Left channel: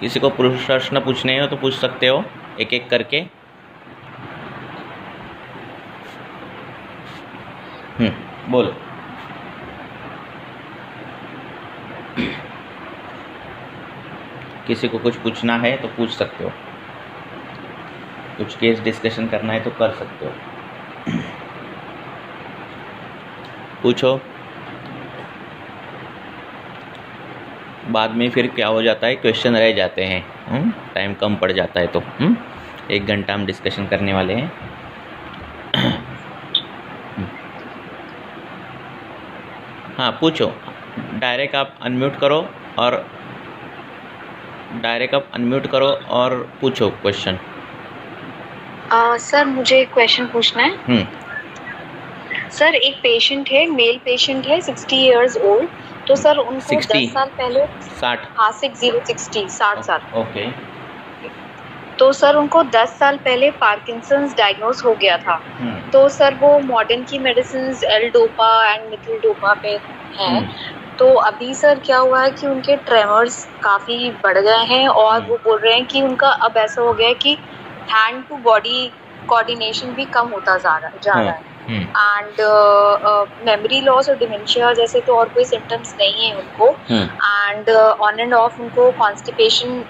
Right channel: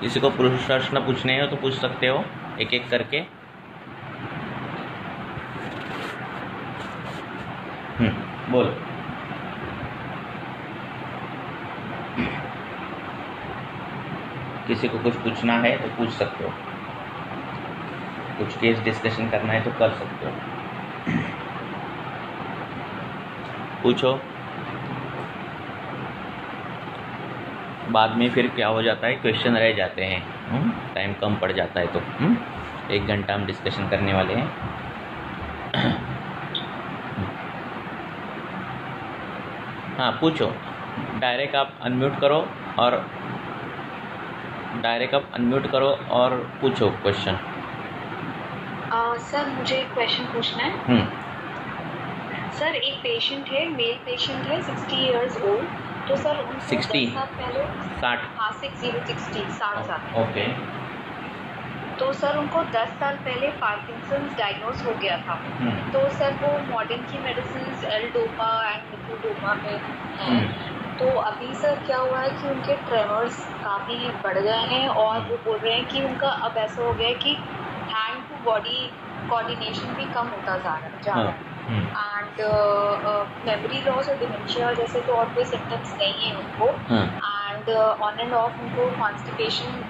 किसी को प्रश्न पूछने हो तो पूछ सकते हो एक एक करके। बोलो। किसी को कुछ पूछना है तो पूछ सकते हो, कुछ केस डिस्कशन करना है तो कर सकते हो, पूछो। बाद में फिर क्या हो जाता है, क्वेश्चन रह जाते हैं, टाइम कम पड़ जाता है तो 1 घंटा हम डिस्कशन करने वाले हैं। हाँ पूछो, डायरेक्ट आप अनम्यूट करो और पूछो क्वेश्चन। सर मुझे एक क्वेश्चन पूछना है। सर एक पेशेंट है, मेल पेशेंट है, 60 इयर्स ओल्ड। तो सर उनको 10 साल पहले 60 हाँ 60 साल। ओके। तो सर उनको 10 साल पहले पार्किंसंस डायग्नोज हो गया था। तो सर वो मॉडर्न की मेडिसिन एल-डोपा एंड मिथिल-डोपा पे हैं। तो अभी सर क्या हुआ है कि उनके ट्रेमर्स काफ़ी बढ़ गए हैं और वो बोल रहे हैं कि उनका अब ऐसा हो गया है कि हैंड टू बॉडी कोऑर्डिनेशन भी कम होता जा रहा है एंड मेमोरी लॉस और डिमेंशिया जैसे तो और कोई सिम्टम्स नहीं है उनको एंड ऑन एंड ऑफ उनको कॉन्स्टिपेशन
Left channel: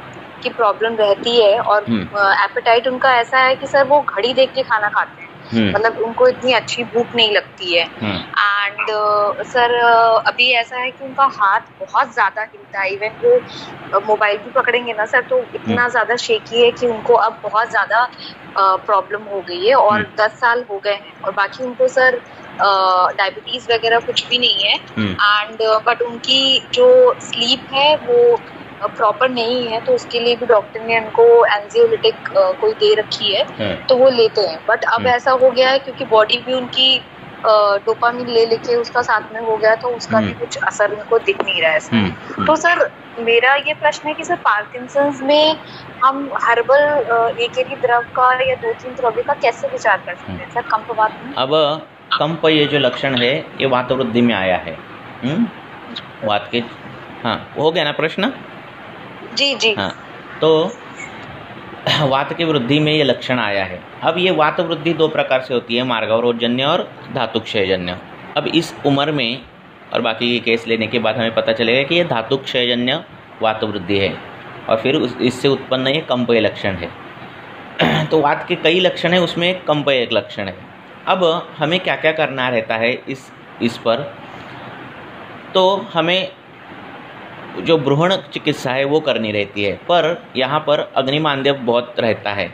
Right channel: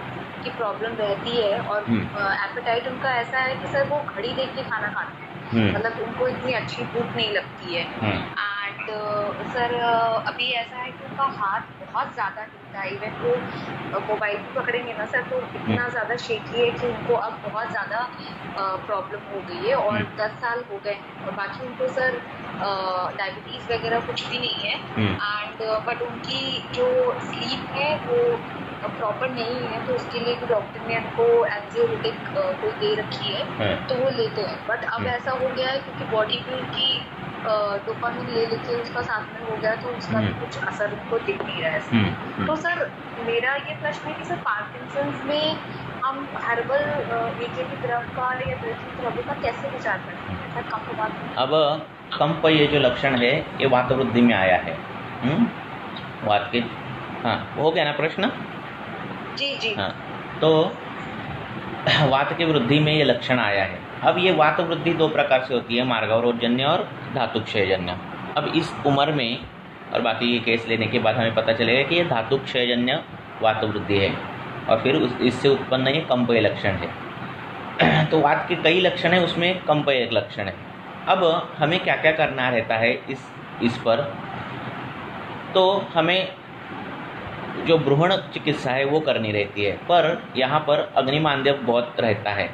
की प्रॉब्लम रहती है और एपेटाइट उनका ऐसा है कि सर वो घड़ी देख के खाना खाते हैं, मतलब उनको इतनी अच्छी भूख नहीं लगती है एंड सर अभी ऐसा है कि उनका हाथ बहुत ज़्यादा हिलता है, इवन वो मोबाइल भी पकड़ेंगे ना सर तो इतना ज़्यादा शेकी है कि उनको अब बहुत ज़्यादा प्रॉब्लम हो गई है और 10 साल हो गए हैं और बाकी उनको सर डायबिटीज़ वगैरह कुछ भी नहीं है एंड बट उनकी जो स्लीप है वो प्रॉपर नहीं है तो उसके लिए भी डॉक्टर ने उनको एंजियोलिटिक कोई दे रखी है तो वो लेते हैं। बट अब ऐसा हो गया है क्योंकि बॉडी भी उनकी डोपामिन ले लेके उसका साथ में हो गया तो उसका भी कुछ असर उनको दिख नहीं रहा है। तो सर मेरा ये प्रश्न है कि सर पार्किंसंस में हम हर्बल एक द्रव का या 2-3 द्रव्य का कैसे विचार कर सकते हैं सर कंपवात में? अब कंप ये जो लक्षण है ये वातवृद्धि में आया है। वात के हाँ हो गया ना प्रश्न? जी हाँ, तो वात की वृद्धि में ये लक्षण आया है। अब ये वात वृद्धि 2 प्रकार से होती है, मार्गावरोधजन्य और धातुक्षयजन्य। अब इस उम्र में और बाकी के केस लेने के बाद हमें पता चलेगा कि ये धातुक्षयजन्य वात वृद्धि है और फिर इससे उत्पन्न ये कंपय लक्षण है। तो वात के कई लक्षण है, उसमें कंपय एक लक्षण है। अब हमें क्या क्या करना रहता है इस पर, तो हमें जो भ्रूण चिकित्सा है वो करनी रहती है, पर यहाँ पर अग्निमांद्य बहुत रहता है।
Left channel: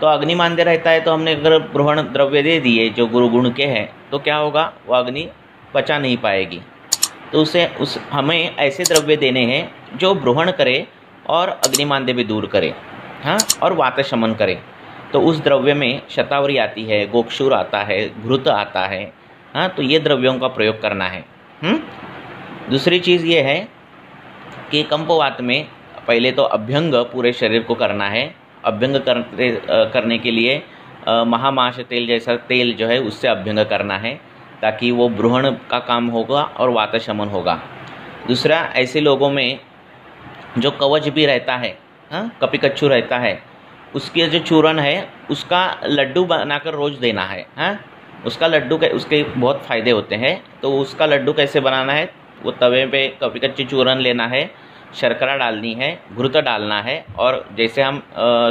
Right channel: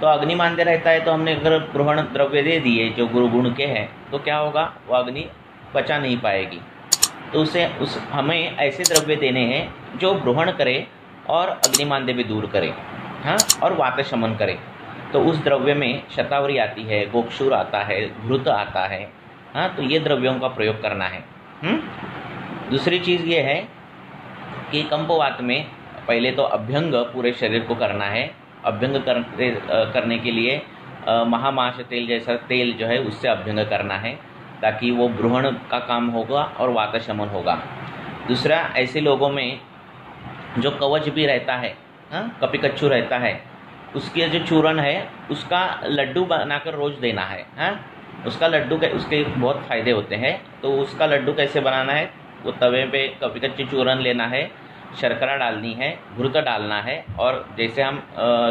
तो अग्निमांद्य रहता है तो हमने अगर भ्रूण द्रव्य दे दिए जो गुरुगुण के हैं तो क्या होगा, वो अग्नि पचा नहीं पाएगी। तो हमें ऐसे द्रव्य देने हैं जो भ्रूण करे और अग्निमांद्य भी दूर करे, हाँ, और वात शमन करे। तो उस द्रव्य में शतावरी आती है, गोक्षूर आता है, घृत आता है, हाँ, तो ये द्रव्यों का प्रयोग करना है। दूसरी चीज़ ये है कि कंपवात में पहले तो अभ्यंग पूरे शरीर को करना है। अभ्यंग करने के लिए महामाश तेल जैसा तेल जो है उससे अभ्यंग करना है ताकि वो भ्रूण का काम होगा और वात शमन होगा। दूसरा, ऐसे लोगों में जो कवच भी रहता है, हाँ, कपिकच्छु रहता है, उसके जो चूर्ण है उसका लड्डू बनाकर रोज़ देना है, हाँ, उसका लड्डू उसके बहुत फ़ायदे होते हैं। तो उसका लड्डू कैसे बनाना है, वो तवे पे कपिकच्छु चूर्ण लेना है, शर्करा डालनी है, घृत डालना है और जैसे हम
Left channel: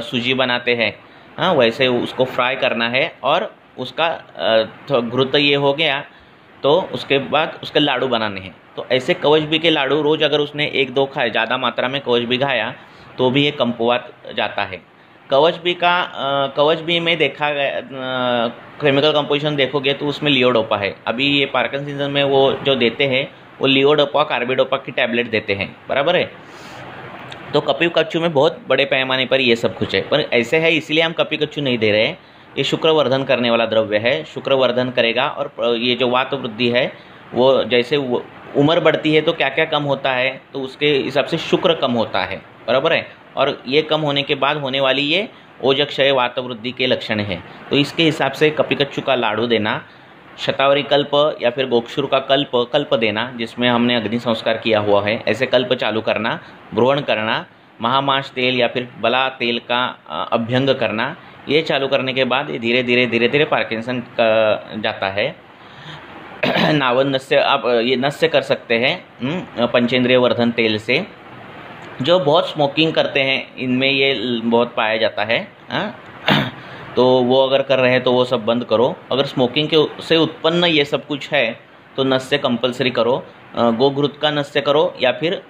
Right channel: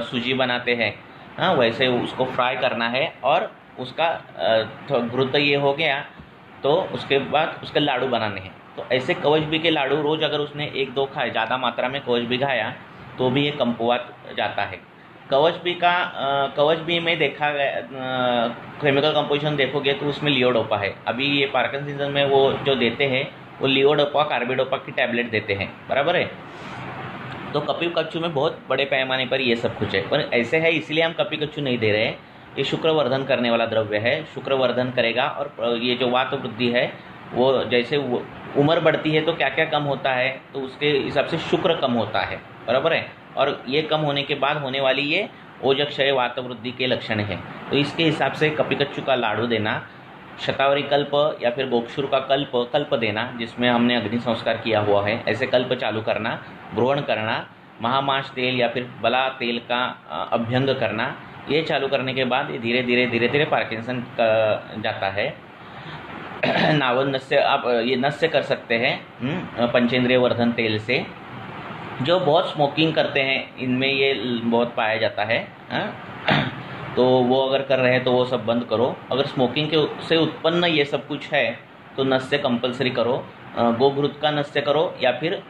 सूजी बनाते हैं, हाँ, वैसे उसको फ्राई करना है और उसका घृत ये हो गया तो उसके बाद उसके लाडू बनाने हैं। तो ऐसे कवच भी के लाडू रोज़ अगर उसने 1-2 खाए, ज़्यादा मात्रा में कवच भी खाया तो भी ये कंपवात जाता है। कवच भी में देखा गया, केमिकल कंपोजिशन देखोगे तो उसमें लियोडोपा है। अभी ये पार्किंसंस में वो जो देते हैं वो लियोडोपा कार्बिडोपा की टैबलेट देते हैं, बराबर है। तो कपिकच्छु में बहुत बड़े पैमाने पर ये सब कुछ है, पर ऐसे है इसलिए हम कपिकच्छु नहीं दे रहे हैं। ये शुक्रवर्धन करने वाला द्रव्य है, शुक्रवर्धन करेगा। और ये जो वात वृद्धि है वो जैसे उम्र बढ़ती है तो क्या क्या कम होता है, तो उसके हिसाब से शुक्र कम होता है, बराबर है। और ये कम होने के बाद होने वाली ये ओजक्षय वात वृद्धि के लक्षण हैं। तो इसके हिसाब से कपिकच्छु का लाडू देना, शतावरी कल्प या फिर गोक्षुर का कल्प देना जिसमें हमने अग्नि संस्कार किया हुआ है, ऐसे कल्प चालू करना, ग्रहण करना, महामाश तेल या फिर बला तेल का अभ्यंग करना, ये चालू करने के बाद ये धीरे धीरे पार्किंसन का जाता है। नावन नस्य आप ये नस्य कर सकते हैं पंचेंद्रिय वर्धन तेल से। जो बहुत स्मोकिंग करते हैं इनमें ये बहुत पाया जाता है, तो वो अगर कर रहे हैं तो वो सब बंद करो। अगर स्मोकिंग के से उत्पन्न ये सब कुछ है तो नस्य कंपलसरी करो। गोघृत का नस्य करो या फिर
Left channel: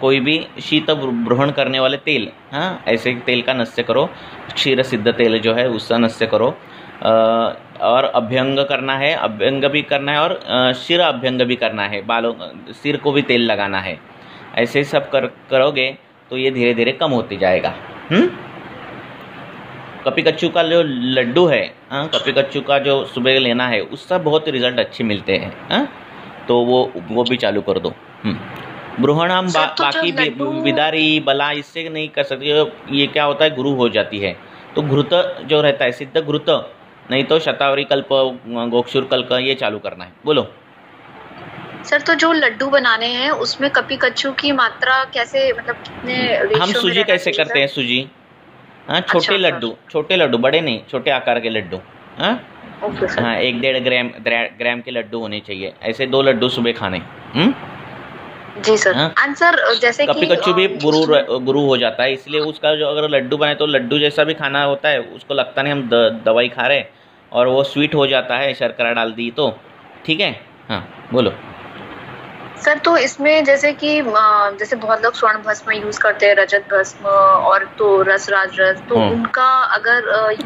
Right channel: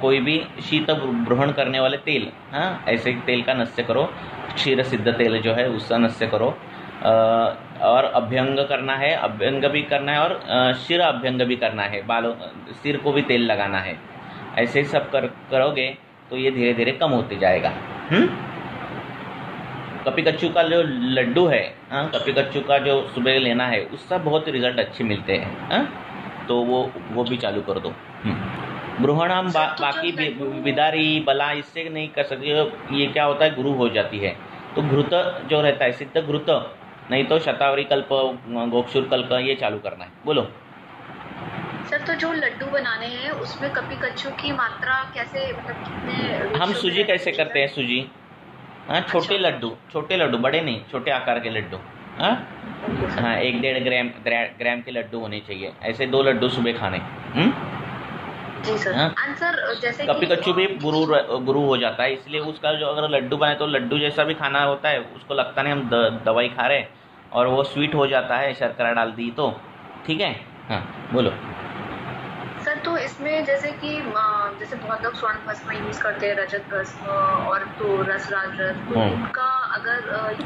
कोई भी शीत ब्रोहण करने वाले तेल, ऐसे तेल का नस्य करो। क्षीर सिद्ध तेल जो है उसका नस्य करो। और अभ्यंग करना है, अभ्यंग भी करना है और शिर अभ्यंग भी करना है, बालों सिर को भी तेल लगाना है। ऐसे सब करोगे तो ये धीरे धीरे कम होते जाएगा। कपी कच्चू का जो लड्डू है, कपी कच्चू का जो सुबह लेना है उससे बहुत रिजल्ट अच्छे मिलते हैं, तो वो भी चालू कर दो। ब्रूहण हम बाकी विदारी बला इससे नहीं कर सकते। ये क्या होता है, गुरु हो जाती है। तो घृत जो रहता है, सिद्ध घृत, नहीं तो शतावरी कल्प, गोक्षुर कल्प, ये चालू करना है। बोलो सर। तो जो लड्डू बनाने हैं उसमें कपी कच्चू की मात्रा कैसे, मतलब कितने रेशियो हम सूजी कैसे करते हैं, सूजी छोटे लड्डू, बड़े नहीं, छोटे आकार के लड्डू। 1-1.5 ग्राम के लड्डू होने चाहिए। ऐसे 2 लड्डू सुबह खाने। जी सर। आंसर जैसे कपी कच्चू भी गुरु हो जाता है, इसलिए उसका जो अगर लड्डू बने तो लड्डू जैसा भी खाना होता है, उसको लगता नहीं हम दवाई खा रहे, और वो स्वीट हो जाता है, शर्करा डाल दी तो ठीक है। हाँ बोलो सर। तो इसमें जैसे कि जैसे बहुत लोग स्वर्ण भस्म यूज करते हैं, रजत भस्म और तो रसराज रस, तो उनका अगर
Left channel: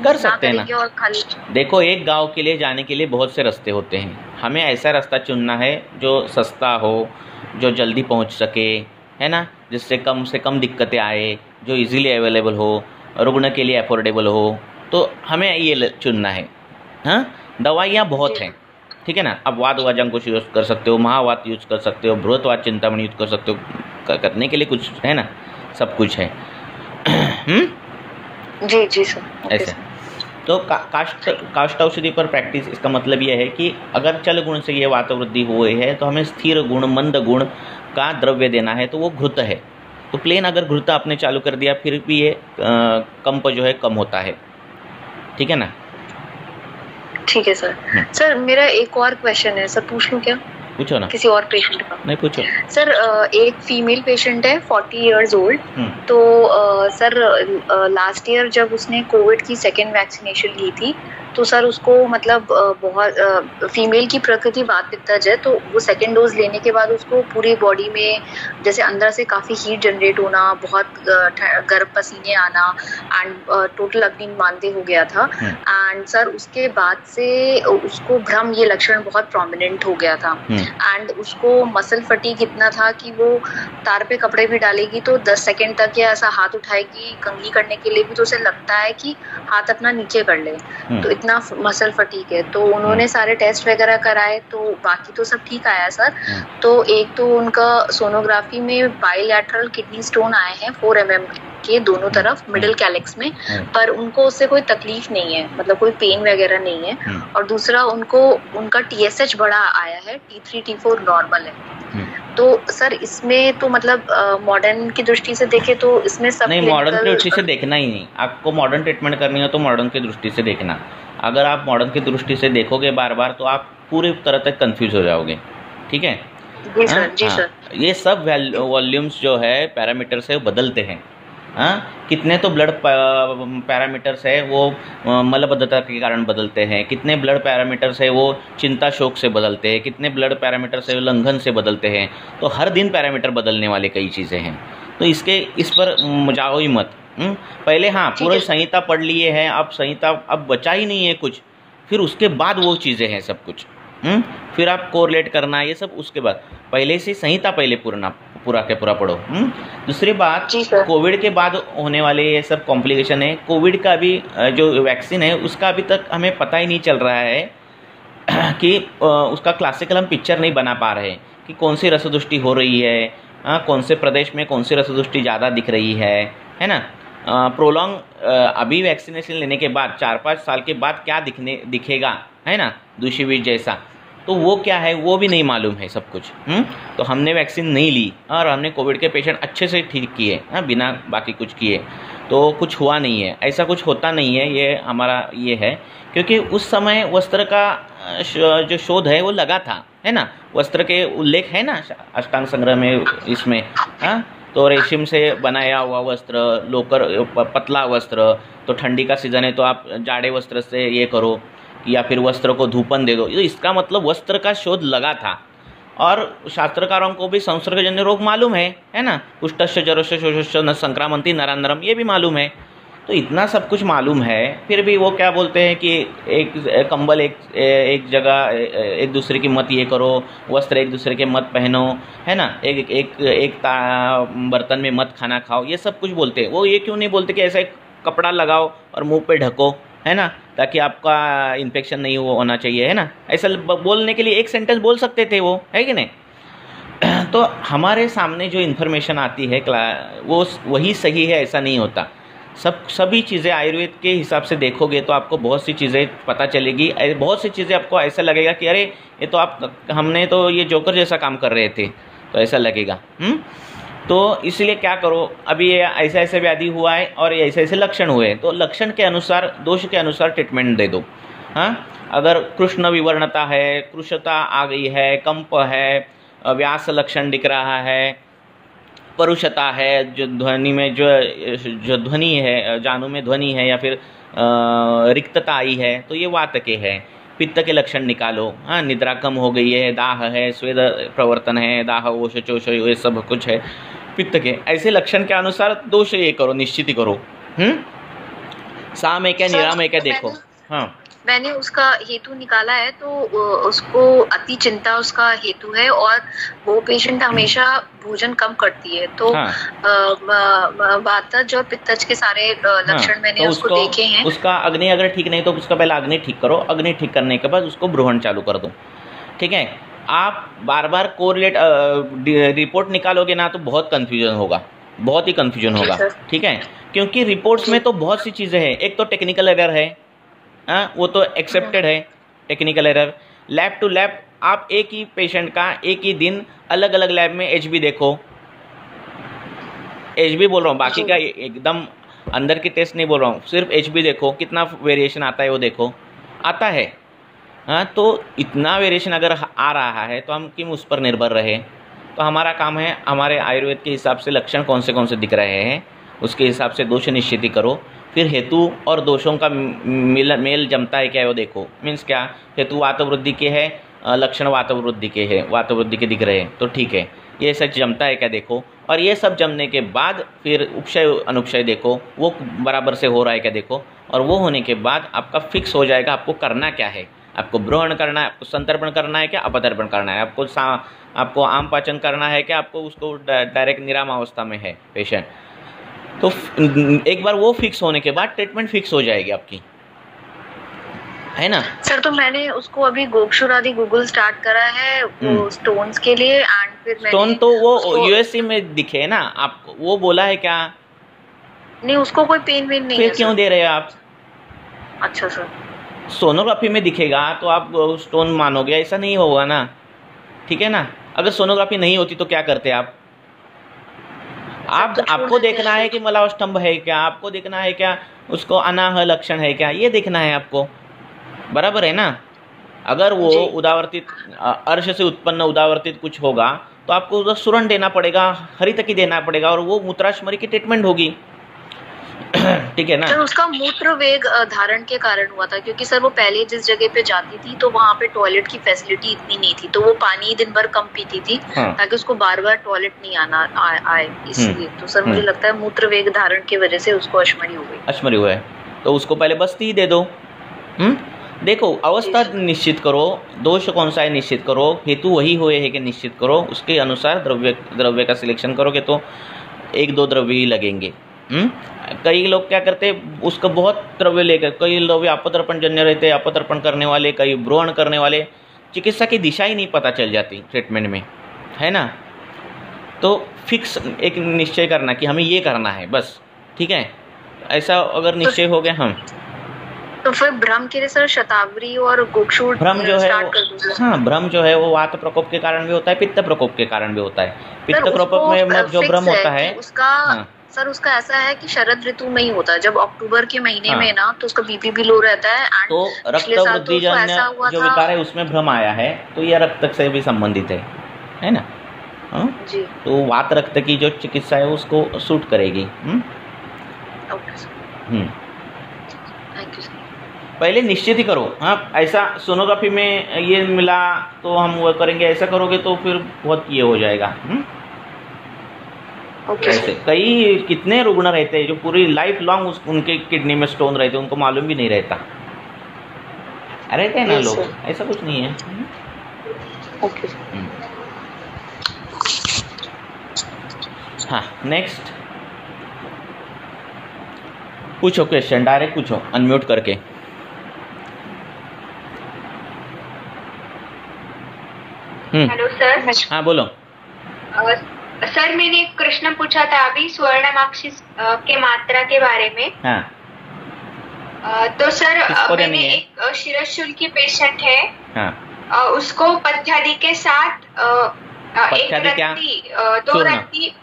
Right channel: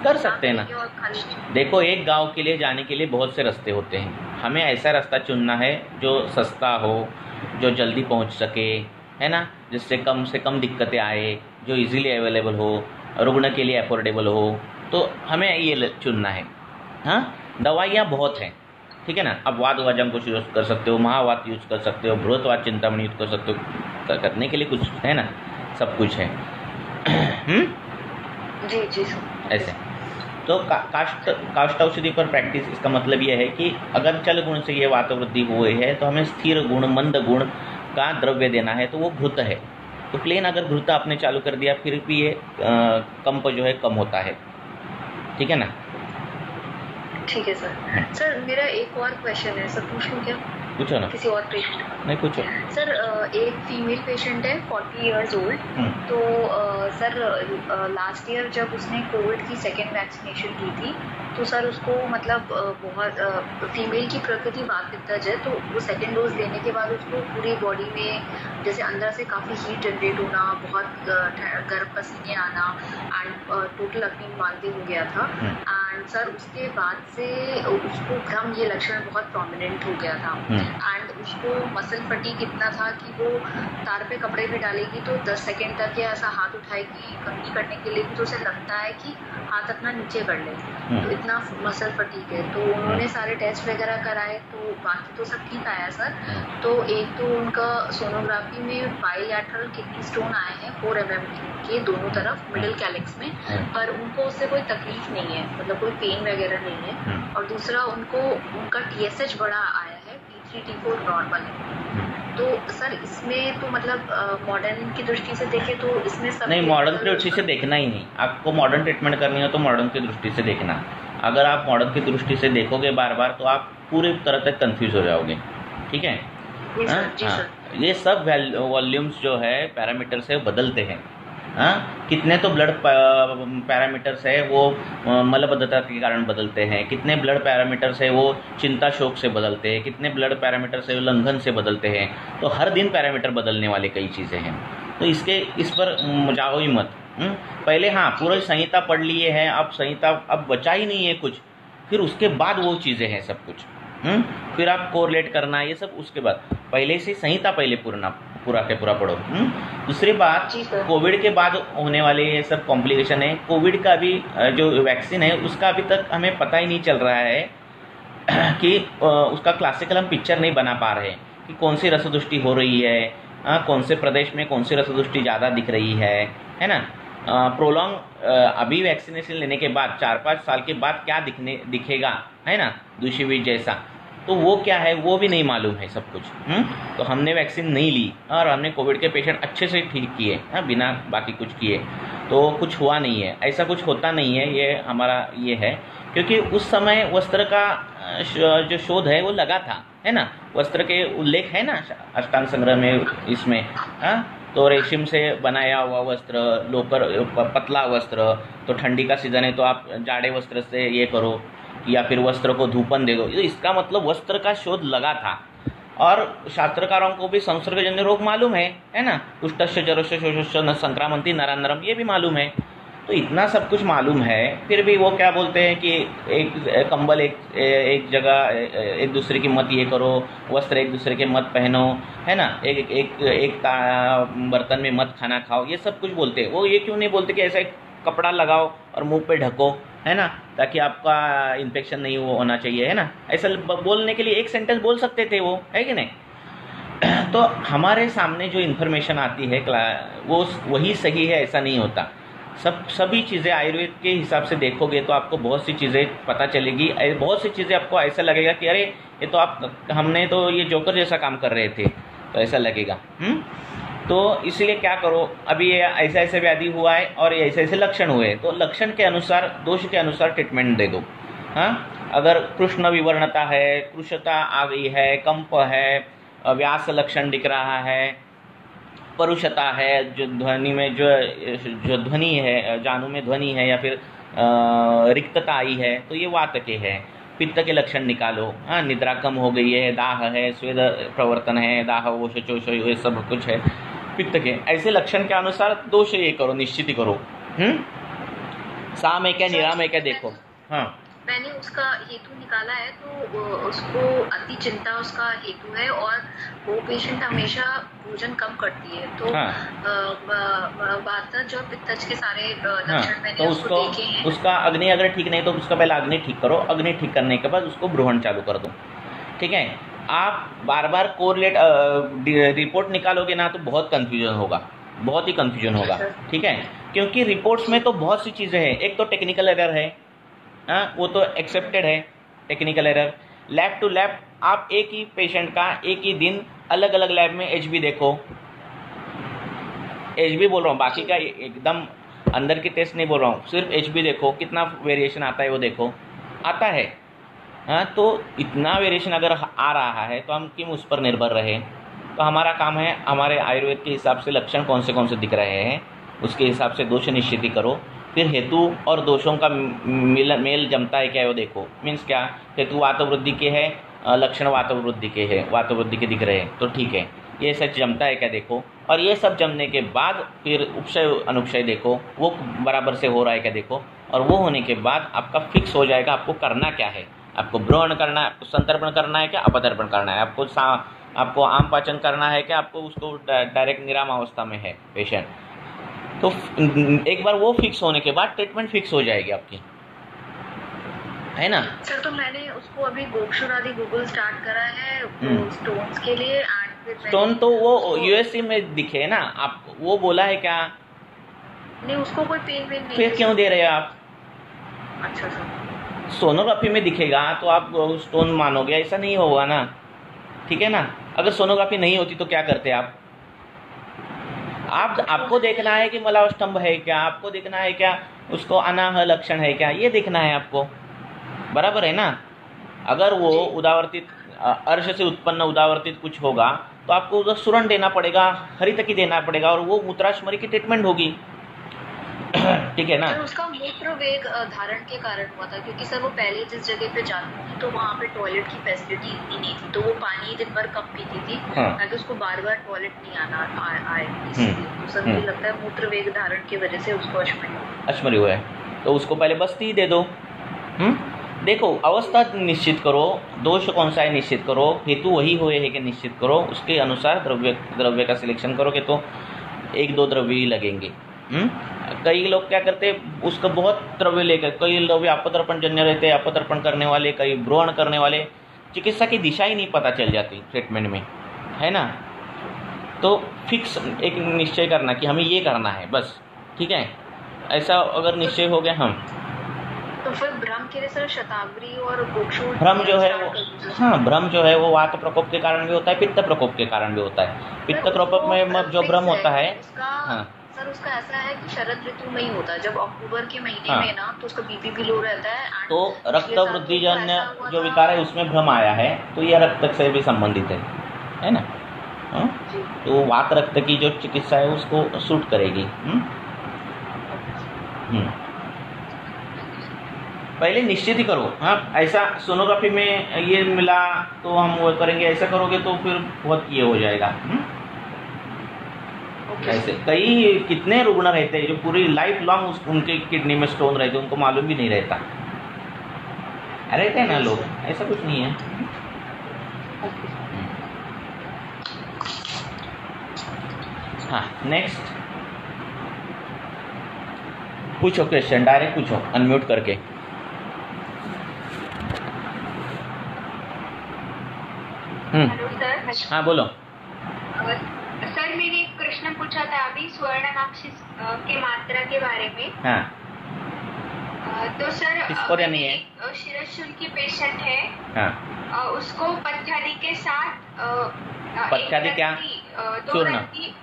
कर सकते हैं ना। और खाली देखो, एक गांव के लिए जाने के लिए बहुत से रास्ते होते हैं, हमें ऐसा रास्ता चुनना है जो सस्ता हो, जो जल्दी पहुंच सके, है ना, जिससे कम से कम दिक्कतें आए, जो इजीली अवेलेबल हो, रुग्ण के लिए अफोर्डेबल हो, तो हमें ये चुनना है। हाँ, दवाइयाँ बहुत हैं, ठीक है ना। अब वात वाजंकुश यूज कर सकते हो, महावात यूज कर सकते हो, बृहत्वात चिंतामणि यूज कर सकते हो, करने के लिए कुछ है ना, सब कुछ है। जी जी सर। ऐसे तो काष्ठ औषधि पर प्रैक्टिस, इसका मतलब यह है कि अगर चल गुण से ये वात वृद्धि हुई है तो हमें स्थिर गुण, मंद गुण का द्रव्य देना है, तो वो घृत है। तो प्लेन अगर घृत आपने चालू कर दिया फिर भी ये कंप जो है कम होता है, ठीक है ना। ठीक है सर। सर मेरा एक और क्वेश्चन है सर, पूछ लूं क्या? पूछो ना। किसी और पेशेंट का? नहीं पूछो सर। एक फीमेल पेशेंट है 40 इयर्स ओल्ड। तो सर लास्ट ईयर जब उसने कोविड की 2nd वैक्सीनेशन ली थी, तो सर उसको मतलब बहुत फीमेल की प्रकृति वात पित्तज है, तो वो 2nd डोज लेने के बाद उसको पूरी बॉडी में जैसे अंदर से काफ़ी हीट जनरेट होना, बहुत गर्म पसीने आना, एंड टोटल अग्नि मांदे हो गया था। एंड सर उसके बाद से उसको भ्रम, ये लक्षण बहुत प्रोमिनेंट हो गया था। एंड उसको मसल फटीग इतना था कि वो तार पे कपड़े भी डालेगी तो 10 सेकेंड तक या ऐसा हाथ उठाएगी कंघी करने के लिए भी, तो उसे लगता है कि हाथ अपना नीचे कर ले, तो इतना मसल फटीग है। तो उन्होंने सारे टेस्ट वगैरह कराए, तो बाकी तो सब ठीक आया सर। तो एक तो उनका सोनोग्राफी में बाइलैटरल किडनी स्टोन आए हैं 4 mm के दोनों तरफ मिडिल कैलिक्स में, पर उनको उससे कोई तकलीफ नहीं है, मतलब कोई पेन वगैरह नहीं है। और दूसरा उनका TSH बड़ा आया है, T3 T4 नॉर्मल है। तो सर इसमें तो मतलब मॉडर्न की दृष्टि से देखे तो इसमें सब नहीं, मॉडर्न की दृष्टि से देखना ही नहीं। आपको मॉडर्न ट्रीटमेंट करनी हो तो मॉडर्न की दृष्टि से देखना। अगर आप मॉडर्न की दृष्टि से देखोगे बार बार तो आप पूरी तरह तक कंफ्यूज हो जाओगे, ठीक है। जी सर, जी सर। ये सब वॉल्यूम्स जो है पैरामीटर से बदलते हैं। कितने तो ब्लड पैरामीटर्स है वो मलबद्धता के कारण बदलते हैं, कितने ब्लड पैरामीटर्स है वो चिंता शोक से बदलते हैं, कितने ब्लड पैरामीटर्स है उल्लंघन से बदलते हैं। तो हर दिन पैरामीटर बदलने वाले कई चीज़ें हैं, तो इस पर जाओ ही मत। पहले पूरी संहिता पढ़ लिए हैं, अब संहिता अब बचा ही नहीं है कुछ, फिर उसके बाद वो चीज़ें हैं सब कुछ। फिर आप कोरिलेट करना, ये सब उसके बाद, पहले से संहिता पहले पूरा के पूरा पढ़ो। दूसरी बात, कोविड के बाद होने वाले ये सब कॉम्प्लिकेशन है। कोविड का भी जो वैक्सीन है उसका अभी तक हमें पता ही नहीं चल रहा है कि उसका क्लासिकल हम पिक्चर नहीं बना पा रहे कि कौन सी रसदुष्टि हो रही है, कौन से प्रदेश में कौन सी रसदुष्टि ज़्यादा दिख रही है ना। प्रोलॉन्ग अभी वैक्सीनेशन लेने के बाद 4-5 साल के बाद क्या दिखेगा, है ना, दूषित जैसा। तो वो क्या है वो भी नहीं मालूम है सब कुछ। तो हमने वैक्सीन नहीं ली और हमने कोविड के पेशेंट अच्छे से ठीक किए, हाँ, बिना बाकी कुछ किए, तो कुछ हुआ नहीं है, ऐसा कुछ होता नहीं है। ये हमारा ये है क्योंकि उस समय वस्त्र का जो शोध है वो लगा था, है ना, वस्त्र के उल्लेख है ना अष्टांग संग्रह में इसमें, हाँ। तो रेशम से बनाया हुआ वस्त्र, लोकर पतला वस्त्र, तो ठंडी का सीजन है तो आप जाड़े वस्त्र से ये करो या फिर वस्त्र को धूपन दे दो, तो इसका मतलब वस्त्र का शोध लगा था। और शास्त्रकारों को भी संसर्गजन्य रोग मालूम है ना, कुष्ठस्य जरस्य शोषस्य न संक्रामंती नरांतरम, ये भी मालूम है। तो इतना सब कुछ मालूम है, फिर भी वो क्या बोलते हैं कि एक कंबल एक जगह एक दूसरे की मत ये करो, वस्त्र एक दूसरे के मत पहनो, है ना, एक बर्तन में मत खाना खाओ, ये सब कुछ बोलते हैं। वो ये क्यों नहीं बोलते कि ऐसा एक कपड़ा लगाओ और मुंह पे ढको, है ना, ताकि आपका इन्फेक्शन नहीं होना चाहिए, है ना। ऐसा बोलने के लिए एक सेंटेंस बोल सकते थे वो, है कि नहीं। तो हमारे सामने जो इन्फॉर्मेशन आती है वो वही सही है ऐसा नहीं होता। सभी चीज़ें आयुर्वेद के हिसाब से देखोगे तो आपको बहुत सी चीज़ें पता चलेगी, बहुत सी चीज़ें आपको ऐसा लगेगा कि अरे ये तो हमने तो ये जोकर जैसा काम कर रहे थे, तो ऐसा लगेगा। तो इसलिए क्या करो, अभी ये ऐसा ऐसा व्याधि हुआ है और ये ऐसे ऐसे लक्षण हुए, तो लक्षण के अनुसार, दोष के अनुसार ट्रीटमेंट दे दो, हाँ। अगर कृष्ण विवर्णता है, कृशता आ गई है, कंप है, व्यास लक्षण दिख रहा है, परुषता है, जो ध्वनि में जो ध्वनि है, जानू में ध्वनि है, या फिर रिक्तता आई है, तो ये वात के है। पित्त के लक्षण निकालो, हाँ, निद्रा कम हो गई है, दाह है, स्वेद प्रवर्तन है, दाह वोश चोश, ये सब कुछ है पित्त के। ऐसे लक्षण के अनुसार दोष ये करो, निश्चित करो। साम है क्या, निराम है क्या, देखो। हाँ, मैंने उसका हेतु निकाला है, तो उसको अति चिंता उसका हेतु है, और वो पेशेंट हमेशा भोजन कम करती है, तो वातज और पित्तज के सारे लक्षण मैंने तो उसको देखे हैं। उसका अग्नि अगर ठीक नहीं तो उसका पहले अग्नि ठीक करो, अग्नि ठीक करने के बाद उसको ब्रूहण चालू कर दो, ठीक है। आप बार बार कोरिलेट रिपोर्ट निकालोगे ना तो बहुत कंफ्यूजन होगा, बहुत ही कंफ्यूजन होगा, ठीक है, क्योंकि रिपोर्ट्स में तो बहुत सी चीज़ें हैं। एक तो टेक्निकल एरर है, वो तो एक्सेप्टेड है, technical error. Lab to lab आप एक ही पेशेंट का एक ही दिन अलग अलग लैब में एचबी देखो, एचबी बोल रहा हूँ, बाकी का एकदम अंदर की टेस्ट नहीं बोल रहा हूँ, सिर्फ एचबी देखो, कितना वेरिएशन आता है वो देखो, आता है, हाँ। तो इतना वेरिएशन अगर आ रहा है तो हम क्यों उस पर निर्भर रहे। तो हमारा काम है, हमारे आयुर्वेद के हिसाब से लक्षण कौन से दिख रहे हैं उसके हिसाब से दोष निश्चित करो, फिर हेतु और दोषों का मेल जमता है क्या वो देखो। मीन्स क्या, हेतु वातवृद्धि के है, लक्षण वातवृद्धि के है, वातवृद्धि के दिख रहे हैं तो ठीक है, ये सच जमता है क्या देखो। और ये सब जमने के बाद फिर उपक्षय अनुक्षय देखो, वो बराबर से हो रहा है क्या देखो। और वो होने के बाद आपका फिक्स हो जाएगा आपको करना क्या है। आपको ब्रोहण करना है, आपको संतर्पण करना है क्या, अपतर्पण करना है, आपको आम पाचन करना है क्या, आपको उसको डायरेक्ट निराम अवस्था में है पेशेंट। तो एक बार वो फिक्स होने के बाद ट्रीटमेंट फिक्स हो जाएगी आपकी, है ना। सर, तो मैंने उसको अभी गोक्षुर आदि गूगल स्टार्ट करा है वो स्टोन्स के लिए, एंड फिर स्टोन तो वो यूएससी में दिखे ना, आप वो बोला है क्या? नहीं, उसको कोई पेन वेन नहीं फिर क्यों दे रहे हैं आप? अच्छा सर, सोनोग्राफी में दिखेगा तो आप स्टोन मानोगे, ऐसा नहीं होगा ना, ठीक है ना। अगर सोनोग्राफी नहीं होती तो क्या करते आप आपको देखना है कि मलावस्तंभ है क्या, आपको देखना है क्या उसको अनाह लक्षण है क्या, ये देखना है आपको, बराबर है ना। अगर वो उदावर्तित अर्श से उत्पन्न उदावर्तित कुछ होगा तो आपको उधर सुरण देना पड़ेगा, हरितकी देना पड़ेगा, और वो मूत्राशमरी की ट्रीटमेंट होगी, ठीक है ना। सर, उसका मूत्र वेग धारण के कारण हुआ था, क्योंकि सर वो पहले जिस जगह पे जाती थी तो वहाँ पे टॉयलेट की फैसिलिटी इतनी नहीं थी, तो वो पानी दिन भर कम पीती थी ताकि उसको बार बार टॉयलेट नहीं आए, इसलिए। तो सर मुझे लगता है मूत्र वेग धारण की वजह से उसको अश्मरी हो गई। अश्मरी हुआ है तो उसको पहले बस्ती ही दे दो। देखो, अवस्था निश्चित करो, दोष कौन सा है निश्चित करो, हेतु वही हुए है कि निश्चित करो, उसके अनुसार द्रव्य का सिलेक्शन करोगे तो 1-2 द्रव्य ही लगेंगे। कई लोग क्या करते हैं, उसको बहुत द्रव्य लेकर, कई लोग अपतर्पण जन्य रहते हैं, अपतर्पण करने वाले, कई ब्रोहण करने वाले, चिकित्सा की दिशा ही नहीं पता चल जाती ट्रीटमेंट में, है ना। तो फिक्स एक निश्चय करना कि हमें ये करना है बस, ठीक है। ऐसा अगर निश्चय हो गया, हम तो फिर भ्रम के लिए सर शतावरी और गोक्षूर भ्रम जो है हाँ, भ्रम जो है वो वात प्रकोप के कारण भी होता है, पित्त प्रकोप के कारण भी होता है। पित्त प्रकोप में जो भ्रम होता है उसका सर उसका ऐसा है कि शरद ऋतु में ही होता है, जब अक्टूबर के महीने में ना तो उसका बीपी भी लो रहता है। तो रक्त वृद्धि जो विकार है उसमें भ्रम आया है, तो यह रक्त से भी संबंधित है ना। जी। तो वात रक्त की जो चिकित्सा है उसको सूट करेगी। पहले निश्चित ही करो। हाँ, ऐसा सोनोग्राफी में ये मिला तो हम वो करेंगे, ऐसा करोगे तो फिर बहुत ये हो जाएगा। ऐसे कई कितने रुग्ण रहते हैं जो पूरी लाइफ लॉन्ग उनके किडनी में स्टोन रहते हैं, उनको मालूम भी नहीं रहता। रहते हैं ना लोग, ऐसा कुछ नहीं है। हाँ, नेक्स्ट पूछो क्वेश्चन, डायरेक्ट पूछो अनम्यूट करके। Hello sir. हाँ बोलो। सर मैंने एक प्रश्न पूछा था अभी स्वर्णमाक्षी के मात्रा के बारे में। हाँ। तो सर मैंने एक शिरशूल की पेशेंट है। हाँ। उसको पथ्यादि के साथ पथ्यादि क्या? दो रत्ती।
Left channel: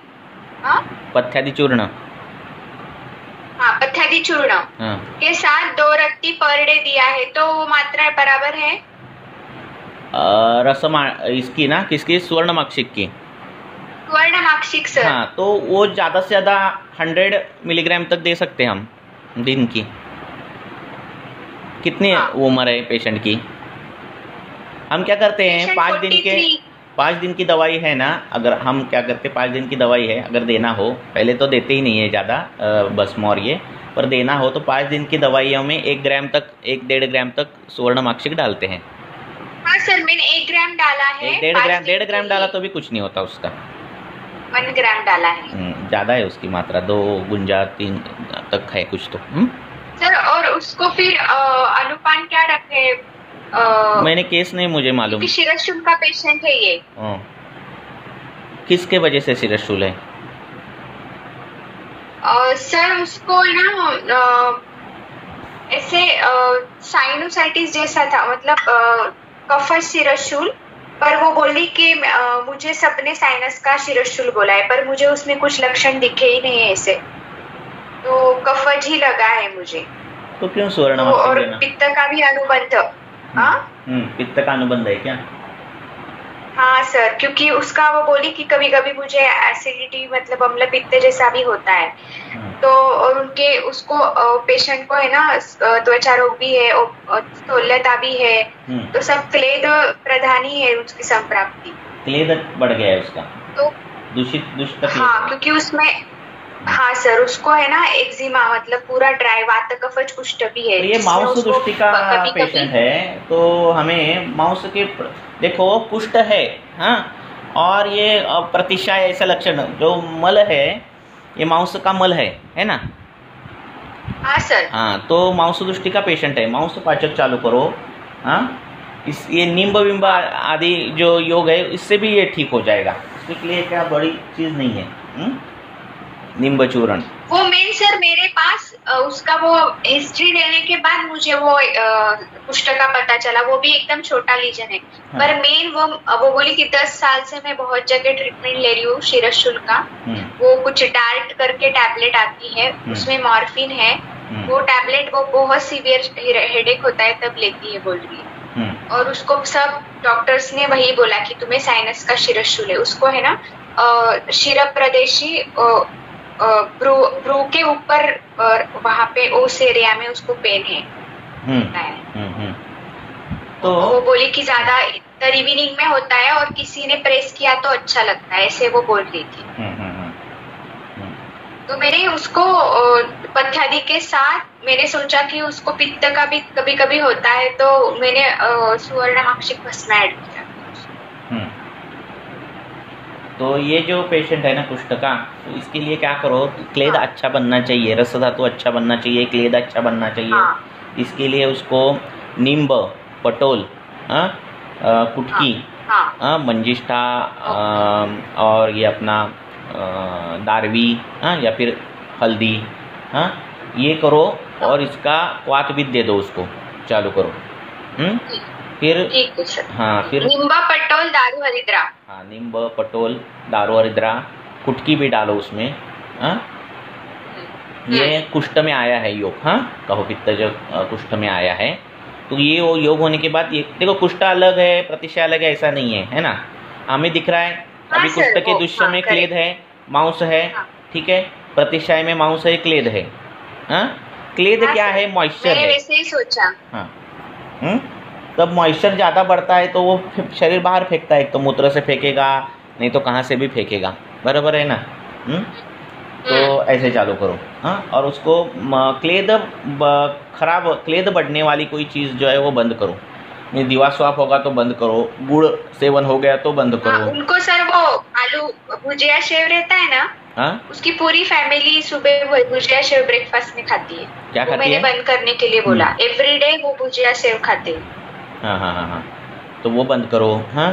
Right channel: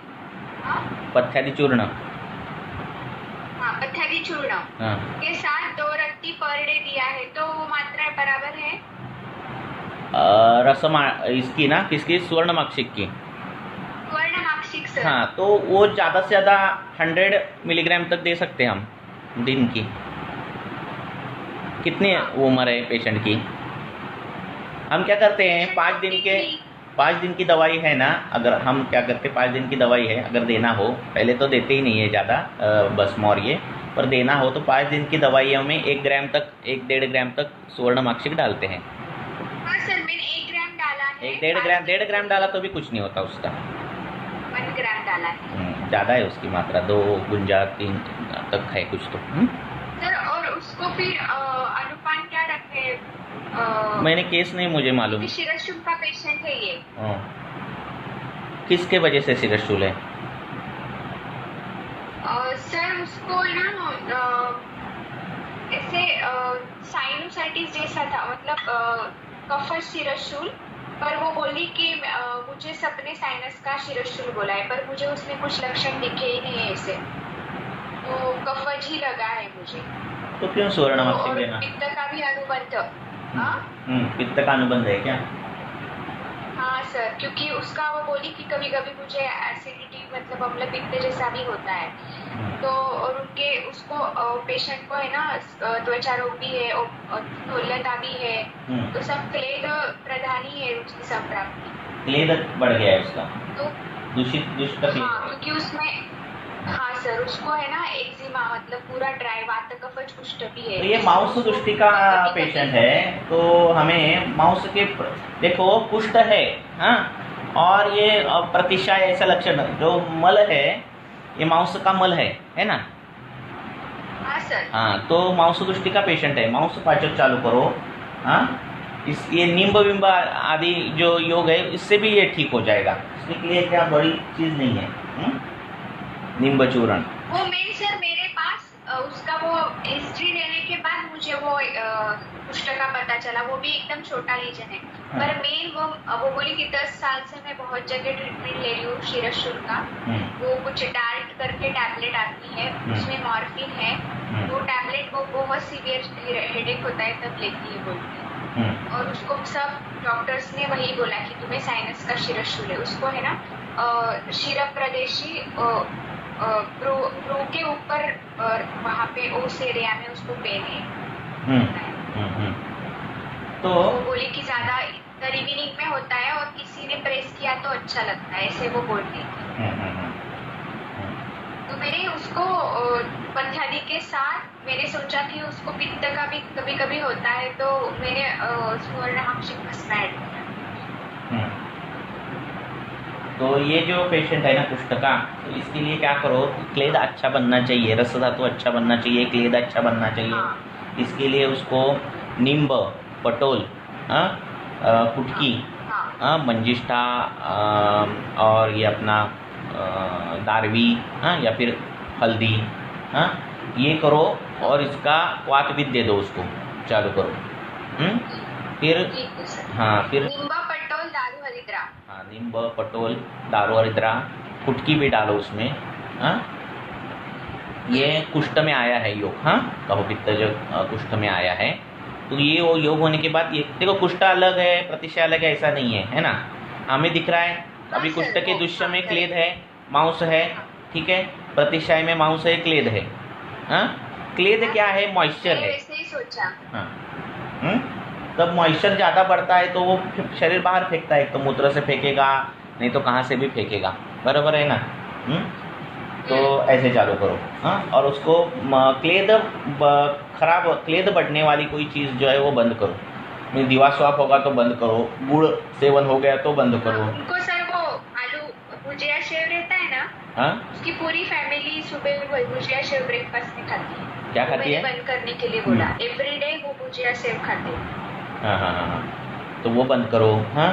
पथ्यादि चूर्ण। हाँ, पथ्यादि चूर्ण के साथ 2 रत्ती पर डे दिया है, तो वो मात्रा बराबर है? रसमा इसकी ना, किसकी? स्वर्णमाक्षिक की। स्वर्णमाक्षिक सर। हाँ, तो वो ज्यादा से ज्यादा 100 मिलीग्राम तक दे सकते हैं हम दिन की। कितनी उम्र है पेशेंट की? हम क्या करते हैं, 5 दिन की दवाई है ना, अगर हम क्या करते हैं 5 दिन की दवाई है, अगर देना हो, पहले तो देते ही नहीं है ज़्यादा भस्म और ये, पर देना हो तो 5 दिन की दवाइयों में 1 ग्राम तक 1-1.5 ग्राम तक स्वर्णमाक्षिक डालते हैं। हाँ सर, मैंने 1 ग्राम डाला है। 1.5 ग्राम डाला तो भी कुछ नहीं होता उसका। 1 ग्राम डाला है। ज़्यादा है उसकी मात्रा, 2 गुंजा 3 तक है कुछ तो। सर और उसको फिर अनुपान क्या रखे? मैंने केस नहीं मुझे मालूम। शिरशूल का पेशेंट है ये। किसके वजह से शिरशूल है? सर उसको ना ऐसे साइनोसाइटिस जैसा था, मतलब कफज शिरशूल, पर वो बोली कि मुझे सबने साइनस का शिरशूल बोला है, पर मुझे उसमें कुछ लक्षण दिखे ही नहीं है ऐसे, तो कफज ही लगा है मुझे। तो क्यों स्वर्णमाक्षिक और लेना? पित्त का भी अनुबंध। पित्त का अनुबंध है क्या? हाँ सर, क्योंकि उसका वो बोली कि कभी कभी मुझे एसिडिटी मतलब अम्ल पित्त जैसा भी होता है, तो और उनके उसको पेशेंट को है ना त्वचा रोग भी है और स्थूलता भी है, तो सब क्लेद प्रधानी है उसकी संप्राप्ति। क्लेद बढ़ गया है उसका, तो दूषित। हाँ, क्योंकि उसमें हाँ सर उसको है ना एक्जिमा, मतलब पूरा ड्राई वात कफज कुष्ठ भी है। तो ये माउस दृष्टि का पेशेंट है, तो हमें माउस के देखो कुष्ठ है, हाँ, और ये प्रतिशय ऐसा लक्षण जो मल है, ये माउस का मल है ना? हाँ सर। हाँ, तो माउस दृष्टि का पेशेंट है, माउस पाचक चालू करो। हाँ, इस ये निम्ब विम्ब आदि जो योग है इससे भी ये ठीक हो जाएगा, इसके लिए क्या बड़ी चीज नहीं है। निम्ब चूर्ण वो मेन सर मेरे पास उसका वो हिस्ट्री लेने के बाद मुझे वो कुष्ठ का पता चला, वो भी एकदम छोटा लीजन है। हाँ। पर मेन वो बोली कि 10 साल से मैं बहुत जगह ट्रीटमेंट ले रही हूँ शिरशूल का। वो कुछ डार्ट करके टैबलेट आती है, उसमें मॉर्फिन है, वो टैबलेट वो बहुत सीवियर हेडेक होता है तब लेती है बोल रही है। और उसको सब डॉक्टर्स ने वही बोला कि तुम्हें साइनस का शिरशूल है। उसको है ना शिर प्रदेशी ब्रू के ऊपर वहाँ पे उस एरिया में उसको पेन है। तो वो बोली कि ज्यादा इवनिंग में होता है और किसी ने प्रेस किया तो अच्छा लगता है, ऐसे वो बोल रही थी। तो मैंने उसको पथ्यादि के साथ मैंने सोचा कि उसको पित्त का भी कभी कभी होता है, तो मैंने स्वर्णमाक्षिक भस्म ऐड किया। तो ये जो पेशेंट है ना कुष्ठ का, तो इसके लिए क्या करो, क्लेद अच्छा बनना चाहिए, रस धातु अच्छा बनना चाहिए, क्लेद अच्छा बनना चाहिए। इसके लिए उसको नींब, पटोल, कुटकी, मंजिष्ठा और ये अपना दारवी, या फिर हल्दी, ये करो और इसका क्वाथ भी दे दो उसको, चालू करो। फिर हाँ, फिर नींबा पटोल दारू हरिद्रा। हाँ, नींब पटोल दारू हरिद्रा, कुटकी भी डालो उसमें। हाँ, ये कुष्ठ में आया है योग। हाँ, कहो पित्त जब कुष्ठ में आया है तो ये वो योग होने के बाद, ये देखो कुष्ठ अलग है, प्रतिशय अलग है, ऐसा नहीं है, है ना। हमें दिख रहा है अभी कुष्ठ के दुष्य में क्लेद है, मांस है, ठीक है। प्रतिशय में मांस है, क्लेद है। हाँ, क्लेद क्या है? मॉइस्चर है। वैसे ही सोचा। हाँ, तब मॉइस्चर ज्यादा बढ़ता है तो वो शरीर बाहर फेंकता है, एक तो मूत्र से फेंकेगा, नहीं तो कहाँ से भी फेंकेगा, बराबर है ना। तो ऐसे चालू करो। हाँ, और उसको क्लेद खराब, क्लेद बढ़ने वाली कोई चीज़ जो है वो बंद करो। दीवा स्वाप होगा तो बंद करो, गुड़ सेवन हो गया तो बंद करो। उनको सर वो आलू भुजिया सेव रहता है ना, हाँ, उसकी पूरी फैमिली सुबह वो भुजिया सेव ब्रेकफास्ट में खाती है। क्या खाती मैंने है? बंद करने के लिए बोला, एवरीडे वो भुजिया सेव खाते हैं। हाँ हाँ हाँ हाँ, तो वो बंद करो। हाँ,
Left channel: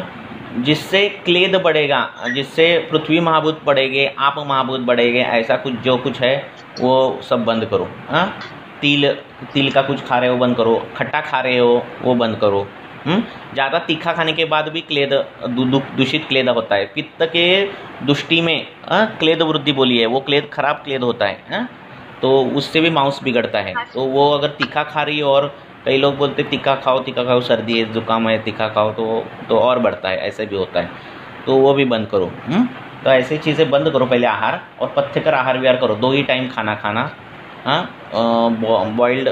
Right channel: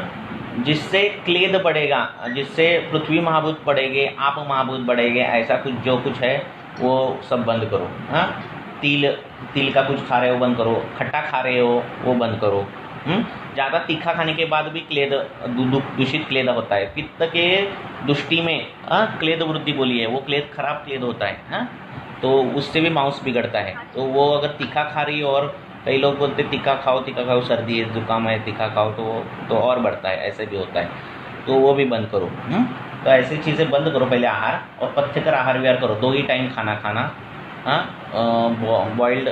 जिससे क्लेद बढ़ेगा, जिससे पृथ्वी महाभूत बढ़ेंगे, आप महाभूत बढ़ेंगे, ऐसा कुछ जो कुछ है वो सब बंद करो। हाँ, तिल का कुछ खा रहे हो बंद करो, खट्टा खा रहे हो वो बंद करो। ज़्यादा तीखा खाने के बाद भी क्लेद, दूषित क्लेद होता है। पित्त के दुष्टि में क्लेद वृद्धि बोली है, वो क्लेद खराब क्लेद होता है। तो उससे भी मांस बिगड़ता है। तो वो अगर तीखा खा रही हो, और कई लोग बोलते तीखा खाओ, सर्दी है, जुकाम है, तीखा खाओ तो और बढ़ता है, ऐसे भी होता है, तो वो भी बंद करो। तो ऐसी चीज़ें बंद करो पहले, आहार और पथ्यकर आहार विहार करो। 2 ही टाइम खाना खाना। हाँ, बॉइल्ड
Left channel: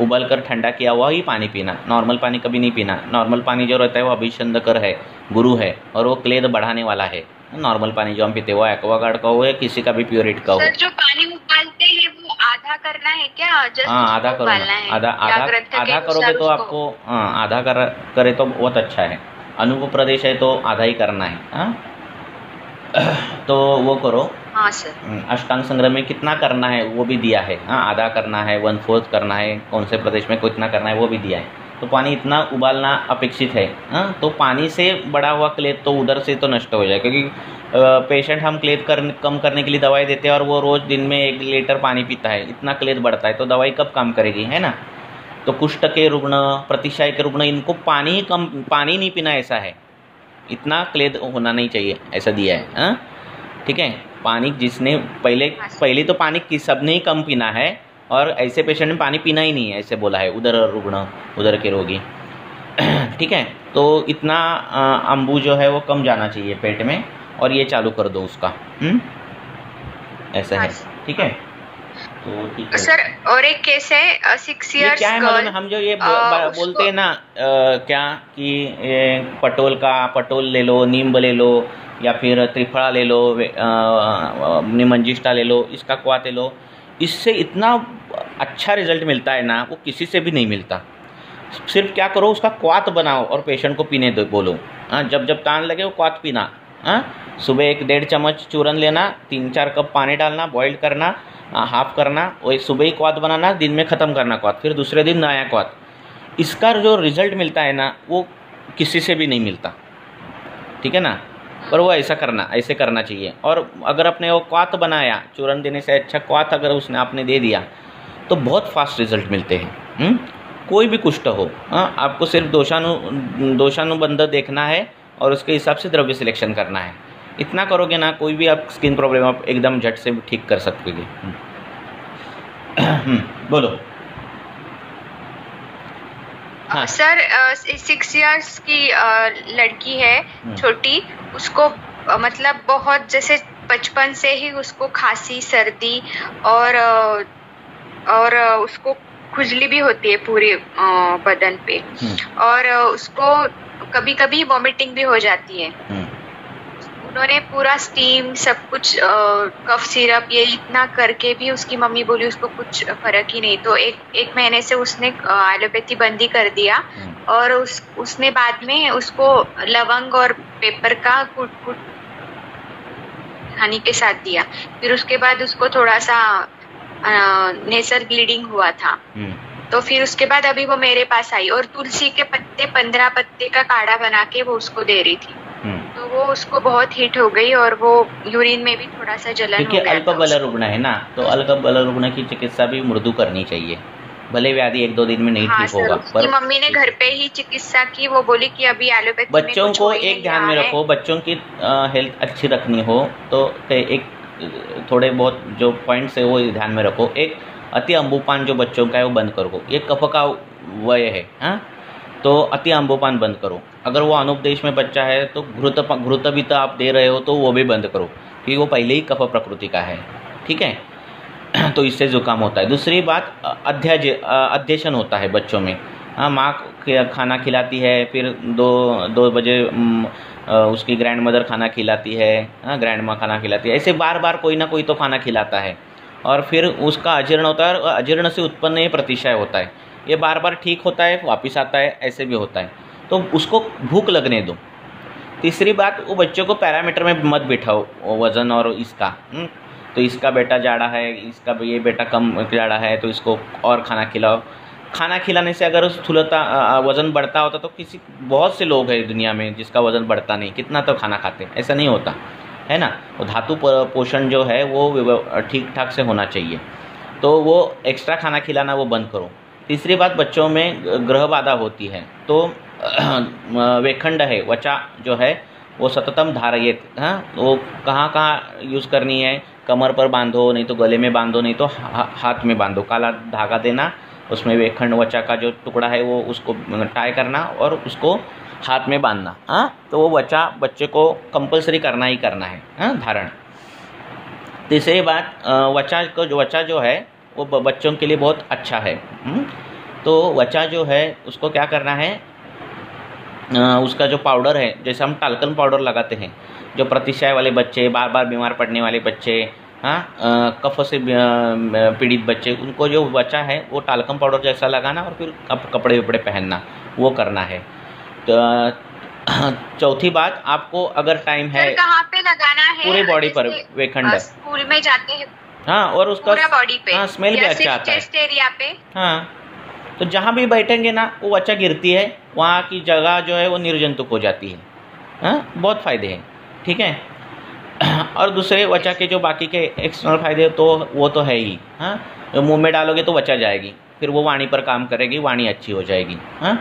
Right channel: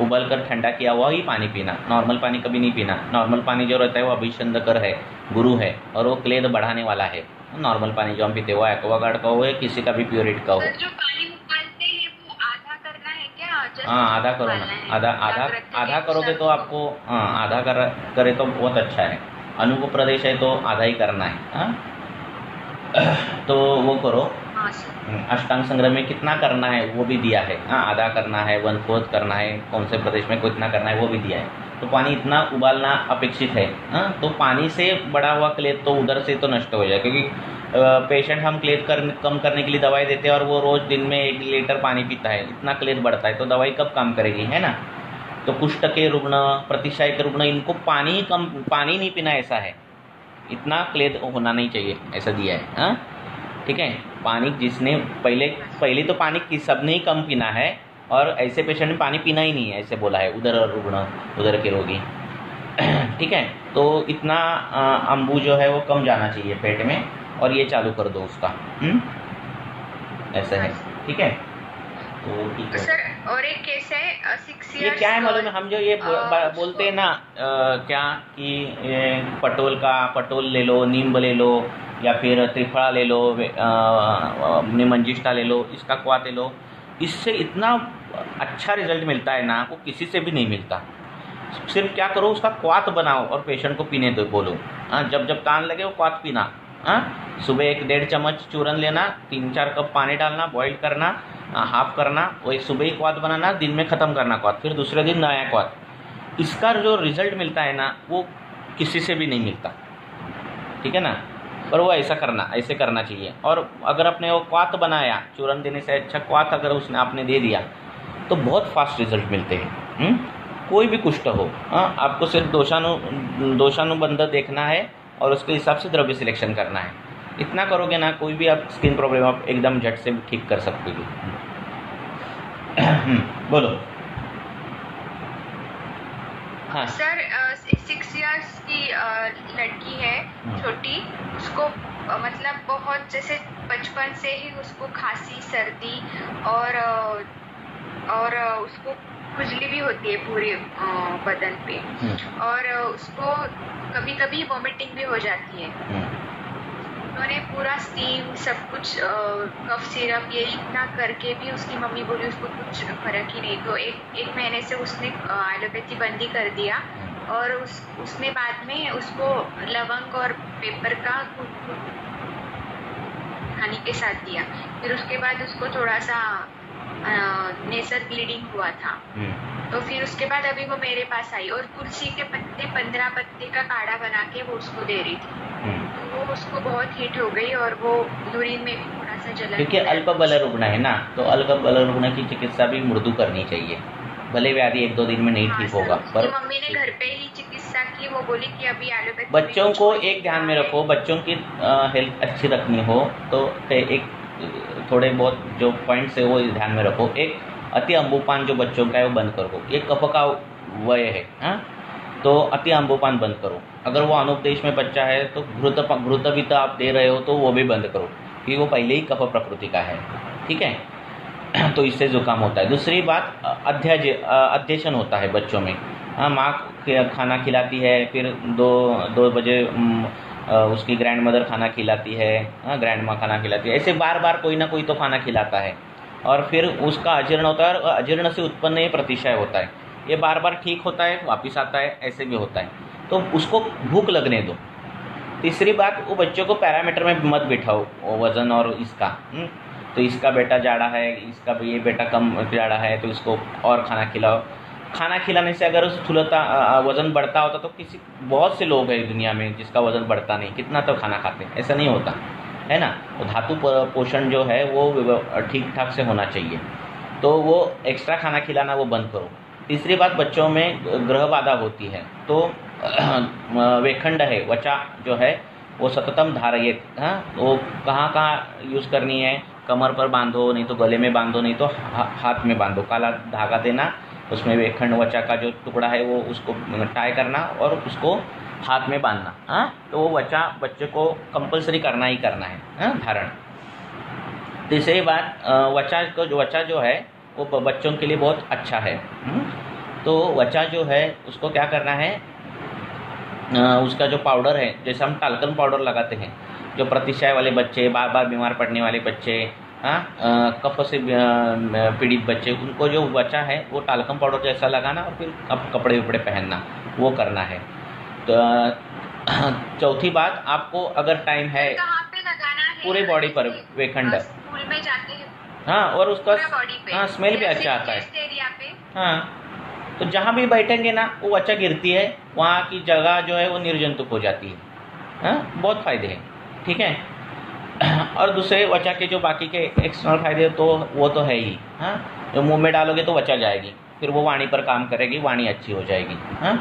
उबल कर ठंडा किया हुआ ही पानी पीना, नॉर्मल पानी कभी नहीं पीना। नॉर्मल पानी जो रहता है वो अभिषंधकर है, गुरु है, और वो क्लेद बढ़ाने वाला है। नॉर्मल पानी जो हम पीते वो एक्वागार्ड का हो या किसी का भी प्योरिट का हो। सर, जो पानी उबालते हैं वो आधा करना है क्या? हाँ, आधा करो, आधा करोगे तो आपको, हाँ, आधा करे तो बहुत अच्छा है। अनुप प्रदेश है तो आधा ही करना है। हाँ, तो वो करो। हाँ सर। अष्टांग संग्रह में कितना करना है वो भी दिया है। हाँ, आधा करना है, 1/4 करना है, कौन से प्रदेश में कितना करना है वो भी दिया है। तो पानी इतना उबालना अपेक्षित है। हाँ, तो पानी से बड़ा हुआ क्लेद तो उधर से तो नष्ट हो जाए, क्योंकि पेशेंट हम क्लेद कम करने के लिए दवाई देते हैं और वो रोज़ दिन में 1 लीटर पानी पीता है, इतना क्लेद बढ़ता है, तो दवाई कब काम करेगी, है ना। तो कुष्ठ के रुग्ण, प्रतिशय के रुग्ण, इनको पानी नहीं पीना, ऐसा है, इतना क्लेद होना नहीं चाहिए, ऐसा दिया है। हाँ, ठीक है। पानी जिसने पहले तो पानी सबने ही कम पीना है, और ऐसे पेशेंट में पानी पीना ही नहीं है, ऐसे बोला है उधर रुग्ण, उधर के रोगी। ठीक है, तो इतना अम्बू जो है वो कम जाना चाहिए पेट में, और ये चालू कर दो उसका। ऐसा है, ठीक है। तो सर, और एक केस है 6 इयर्स क्या है, मतलब हम जो ये बोलते हैं ना, क्या कि पटोल ले लो, नींब ले लो, या फिर त्रिफला ले लो, निमंजिष्ठा ले लो, इसका क्वाथ ले लो, इससे इतना अच्छा रिजल्ट मिलता है ना, वो किसी से भी नहीं मिलता। सिर्फ क्या करो, उसका क्वाथ बनाओ और पेशेंट को पीने दो, बोलो। हाँ, जब तान लगे वो क्वाथ पीना। हाँ, सुबह 1-1.5 चम्मच चूरन लेना, 3-4 कप पानी डालना, बॉइल करना, हाफ करना, वही सुबह ही क्वाथ बनाना, दिन में ख़त्म करना क्वाथ, फिर दूसरे दिन नया क्वाथ। इसका जो रिजल्ट मिलता है ना, वो किसी से भी नहीं मिलता, ठीक है ना। पर वो ऐसे करना चाहिए। और अगर अपने वो क्वाथ बनाया, चूरन देने से अच्छा क्वाथ अगर उसने आपने दे दिया, तो बहुत फास्ट रिजल्ट मिलते हैं। कोई भी कुष्ठ हो, आपको सिर्फ दोषानुबंध देखना है और उसके हिसाब से द्रव्य सिलेक्शन करना है। इतना करोगे ना, कोई भी आप स्किन प्रॉब्लम आप एकदम झट से ठीक कर सकोगे। बोलो। हाँ सर, 6 इयर्स की लड़की है, छोटी, उसको मतलब बहुत, जैसे बचपन से ही उसको खांसी, सर्दी और उसको खुजली भी होती है पूरे बदन पे, और उसको कभी कभी वॉमिटिंग भी हो जाती है। उन्होंने पूरा स्टीम सब कुछ, कफ सिरप, ये इतना करके भी उसकी मम्मी बोली उसको कुछ फर्क ही नहीं। तो एक महीने से उसने एलोपैथी बंदी कर दिया, और उसने बाद में उसको लवंग और पेपर का कूट हनी के साथ दिया। फिर उसके बाद उसको थोड़ा सा नेसल ब्लीडिंग हुआ था। तो फिर उसके बाद अभी वो मेरे पास आई, और तुलसी के पत्ते, 15 पत्ते का काढ़ा बना के वो उसको दे रही थी। तो वो उसको बहुत हिट हो गई और वो यूरिन में भी थोड़ा सा जलन हो क्योंकि गया अल्प था बल उसको। रुग्ण है ना, तो अल्प बल रुग्ण की चिकित्सा भी मृदु करनी चाहिए, भले व्याधि 1-2 दिन में नहीं हाँ ठीक सर, होगा उसकी पर मम्मी ने घर पे ही चिकित्सा की, वो बोली कि अभी एलोपैथी में बच्चों कुछ को हो ही एक नहीं ध्यान रहा में है। रखो, बच्चों की हेल्थ अच्छी रखनी हो तो एक थोड़े बहुत जो पॉइंट्स है वो ध्यान में रखो। एक अति अम्बुपान जो बच्चों का है वो बंद करो, ये कफ का वय है, हाँ, तो अति अम्बुपान बंद करो। अगर वो अनुपदेश में बच्चा है तो घृत भी तो आप दे रहे हो तो वो भी बंद करो, क्योंकि वो पहले ही कफ प्रकृति का है, ठीक है। तो इससे जुकाम होता है। दूसरी बात अध्यशन होता है बच्चों में, हाँ, माँ खाना खिलाती है, फिर 2 बजे उसकी ग्रैंड मदर खाना खिलाती है, हाँ, ग्रैंड माँ खाना खिलाती है, ऐसे बार बार कोई ना कोई तो खाना खिलाता है और फिर उसका अजीर्ण होता है और अजीर्ण से उत्पन्न ये प्रतिशय होता है, ये बार बार ठीक होता है वापस आता है, ऐसे भी होता है, तो उसको भूख लगने दो। तीसरी बात, वो बच्चों को पैरामीटर में मत बिठाओ वज़न और इसका, तो इसका बेटा जाड़ा है, इसका ये बेटा कम जाड़ा है तो इसको और खाना खिलाओ। खाना खिलाने से अगर स्थूलता वज़न बढ़ता होता तो बहुत से लोग हैं दुनिया में जिसका वज़न बढ़ता नहीं, कितना तो खाना खाते, ऐसा नहीं होता है ना। तो धातु पोषण जो है वो ठीक ठाक से होना चाहिए, तो वो एक्स्ट्रा खाना खिलाना वो बंद करो। तीसरी बात, बच्चों में ग्रह बाधा होती है तो वेखंड है, वचा जो है वो सततम धारयेत, हाँ, वो कहाँ कहाँ यूज़ करनी है, कमर पर बांधो, नहीं तो गले में बांधो, नहीं तो हाथ में बांधो, काला धागा देना, उसमें वेखंड वचा का जो टुकड़ा है वो उसको टाई करना और उसको हाथ में बांधना, हाँ, तो वो वचा बच्चे को कंपलसरी करना ही करना है, हाँ, धारण। तीसरी बात, वचा जो है वो बच्चों के लिए बहुत अच्छा है, तो वचा जो है उसको क्या करना है, उसका जो पाउडर है, जैसे हम टाल्कम पाउडर लगाते हैं, जो प्रतिशय वाले बच्चे, बार बार बीमार पड़ने वाले बच्चे, हाँ, कफ से पीड़ित बच्चे, उनको जो वचा है वो टाल्कम पाउडर जैसा लगाना और फिर कपड़े वपड़े पहनना, वो करना है। तो चौथी बात, आपको अगर टाइम है, कहाँ पे लगाना है, पूरे बॉडी पर वेखंड, स्कूल में जाते हैं, हाँ, और उसका पूरा बॉडी पे, हाँ, स्मेल भी अच्छा आता है, चेस्ट एरिया पे, हाँ, तो जहाँ भी बैठेंगे ना वो वचा गिरती है, वहाँ की जगह जो है वो निर्जंतुक हो जाती है, हाँ, बहुत फायदे हैं, ठीक है। और दूसरे वचा के जो बाकी के एक्सटर्नल फायदे तो वो तो है ही, हाँ, जो मुंह में डालोगे तो वचा जाएगी, फिर वो वाणी पर काम करेगी, वाणी अच्छी हो जाएगी, हाँ,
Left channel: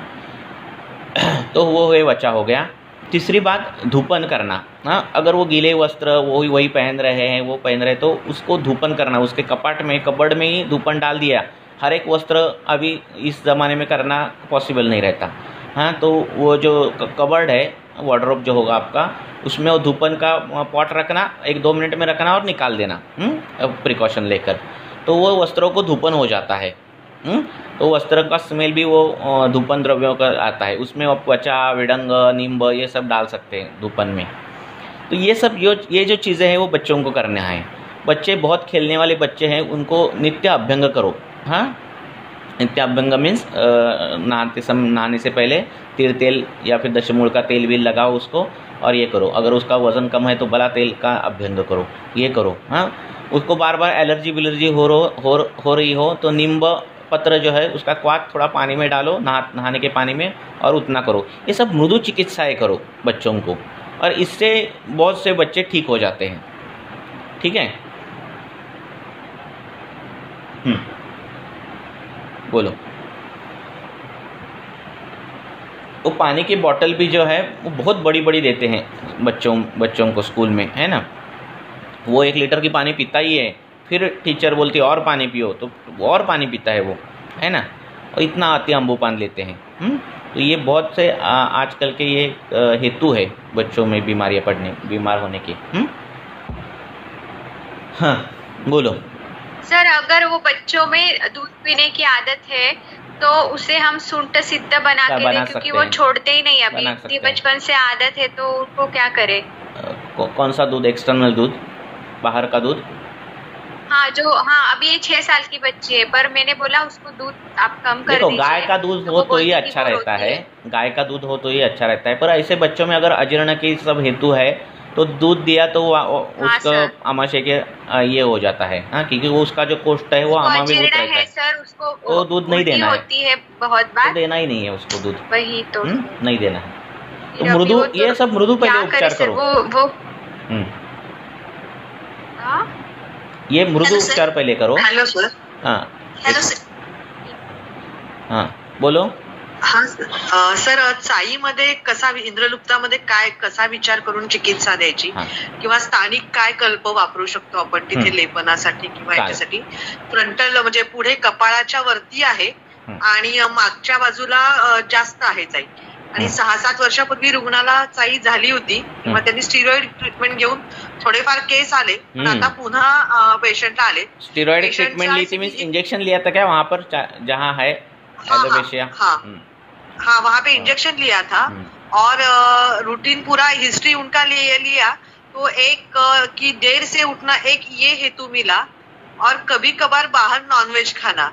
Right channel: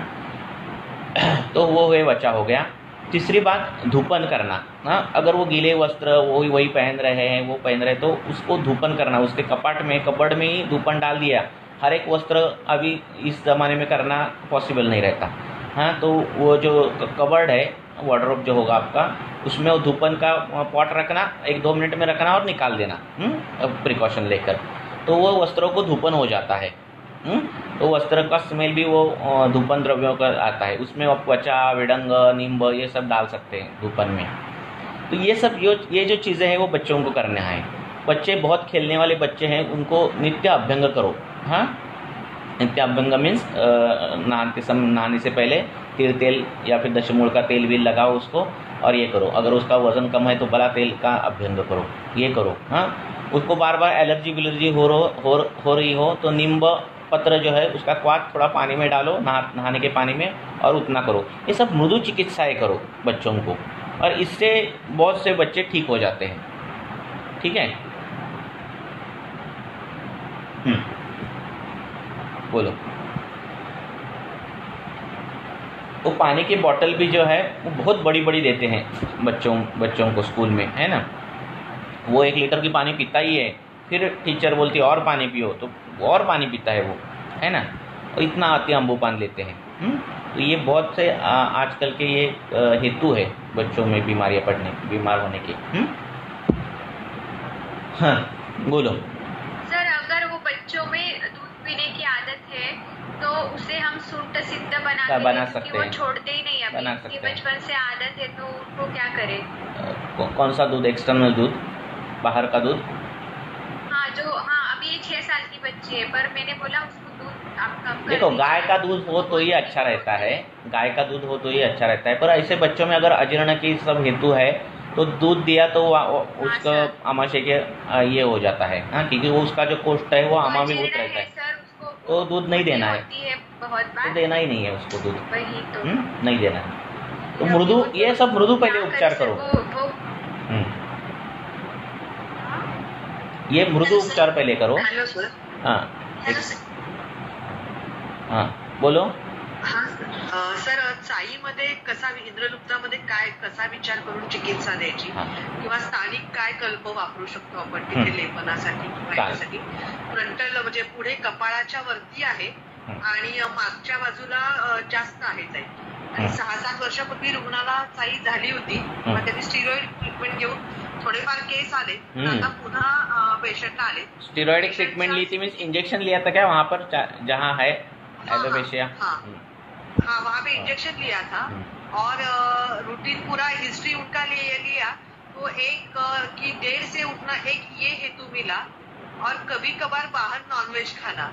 तो वो वचा हो गया। तीसरी बात, धूपन करना, हाँ, अगर वो गीले वस्त्र वही पहन रहे हैं, वो पहन रहे तो उसको धूपन करना, उसके कपड़ में ही धूपन डाल दिया। हर एक वस्त्र अभी इस ज़माने में करना पॉसिबल नहीं रहता, हाँ, तो वो जो कबर्ड है, वार्डरोब जो होगा आपका, उसमें वो धूपन का पॉट रखना, 1-2 मिनट में रखना और निकाल देना, प्रिकॉशन लेकर, तो वो वस्त्रों को धूपन हो जाता है, तो वस्त्र का स्मेल भी वो धूपन द्रव्यों का आता है, उसमें आप त्वचा, विडंग, नींब ये सब डाल सकते हैं धूपन में। तो ये जो चीज़ें हैं वो बच्चों को करना है। बच्चे बहुत खेलने वाले बच्चे हैं, उनको नित्य अभ्यंग करो, हाँ, नित्य अभ्यंग मीन्स नहाने से पहले तीर तेल या फिर दशमूल का तेल भी लगाओ उसको और ये करो। अगर उसका वजन कम है तो बला तेल का अभ्यंग करो, ये करो, हाँ। उसको बार बार एलर्जी विलर्जी हो रही हो तो नींब पत्र जो है उसका क्वाथ थोड़ा पानी में डालो, नहाने के पानी में, और उतना करो। ये सब मृदु चिकित्साएँ करो बच्चों को, और इससे बहुत से बच्चे ठीक हो जाते हैं, ठीक है। बोलो। वो पानी की बोतल भी जो है वो बहुत बड़ी बड़ी देते हैं बच्चों को स्कूल में, है ना। वो 1 लीटर की पानी पीता ही है, फिर टीचर बोलती है और पानी पियो, तो और पानी पीता है वो, है ना। और इतना अति अम्बुपान लेते हैं, तो ये बहुत से आजकल के ये हेतु है बच्चों में बीमार होने के। हाँ, बोलो। सर, अगर वो बच्चों में दूध पीने की आदत है तो उसे हम सुंठ सिद्ध बना के दें, क्योंकि वो छोड़ते ही नहीं, अभी इतनी बचपन से आदत है, तो उनको क्या करें? कौन सा दूध? एक्सटर्नल दूध, बाहर का दूध? हाँ, अभी ये 6 साल की बच्ची है, पर मैंने बोला उसको दूध आप कम कर दीजिए। गाय का दूध हो तो ये अच्छा रहता है, गाय का दूध हो तो ये अच्छा रहता है, पर ऐसे बच्चों में अगर अजीर्ण की सब हेतु है तो दूध दिया तो उसका आमाशय के ये हो जाता है, हाँ, क्योंकि वो उसका जो कोष्ठ है वो आमाशय में रहता है, सर, उसको तो दूध नहीं देना है, होती है बहुत बार, तो देना ही नहीं है उसको दूध, वही तो नहीं देना है। तो मृदु, ये सब मृदु पहले उपचार करो। वो ये मृदु उपचार पहले करो। Hello sir. हाँ हेलो सर। हाँ बोलो। हा सर, चाईमध्ये कसा, इंद्रलुप्तामध्ये काय कसा विचार करून चिकित्सा द्यायची, किंवा स्थानिक काय कल्प वापरू शकतो आपण तिथे लेपनासाठी किंवा याच्यासाठी? फ्रंटल म्हणजे पुढे कपाळाच्या वरती आहे आणि मागच्या बाजूला जास्त आहे चाई, आणि 6-7 वर्षापूर्वी रुग्णाला चाई झाली होती, मग त्यांनी स्टिरॉइड ट्रीटमेंट घेऊन थोडेफार केस आले, पण आता पुन्हा पेशंटला आले। स्टिरॉइड ट्रीटमेंट ली थी मीन्स इंजेक्शन लिया था क्या वहाँ पर जहाँ है एलोपेशिया? हाँ, वहाँ पे इंजेक्शन लिया था और रूटीन पूरा हिस्ट्री उनका लिया तो एक कि देर से उठना, एक ये हेतु मिला, और कभी कभार बाहर नॉनवेज खाना,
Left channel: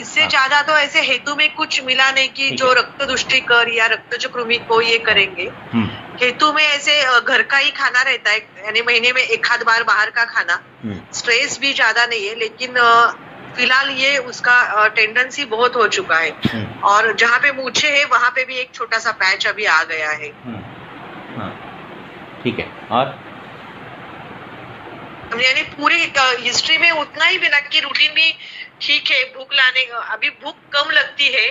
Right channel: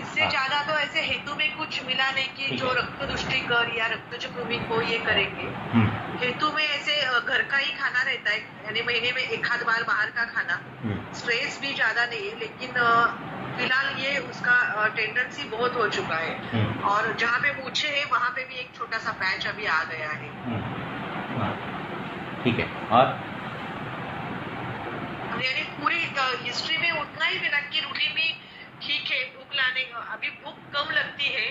इससे ज्यादा तो ऐसे हेतु में कुछ मिला नहीं कि जो रक्त दुष्टिकर या रक्त कृमि को ये करेंगे। हेतु में ऐसे घर का ही खाना रहता है, यानी महीने में 1-आध बार बाहर का खाना, स्ट्रेस भी ज्यादा नहीं है, लेकिन फिलहाल ये उसका टेंडेंसी बहुत हो चुका है, और जहाँ पे मूछे है वहाँ पे भी एक छोटा सा पैच अभी आ गया है। ठीक है, और यानी पूरी हिस्ट्री में उतना ही मिला कि रूटीन भी ठीक है, भूख लाने अभी भूख कम लगती है,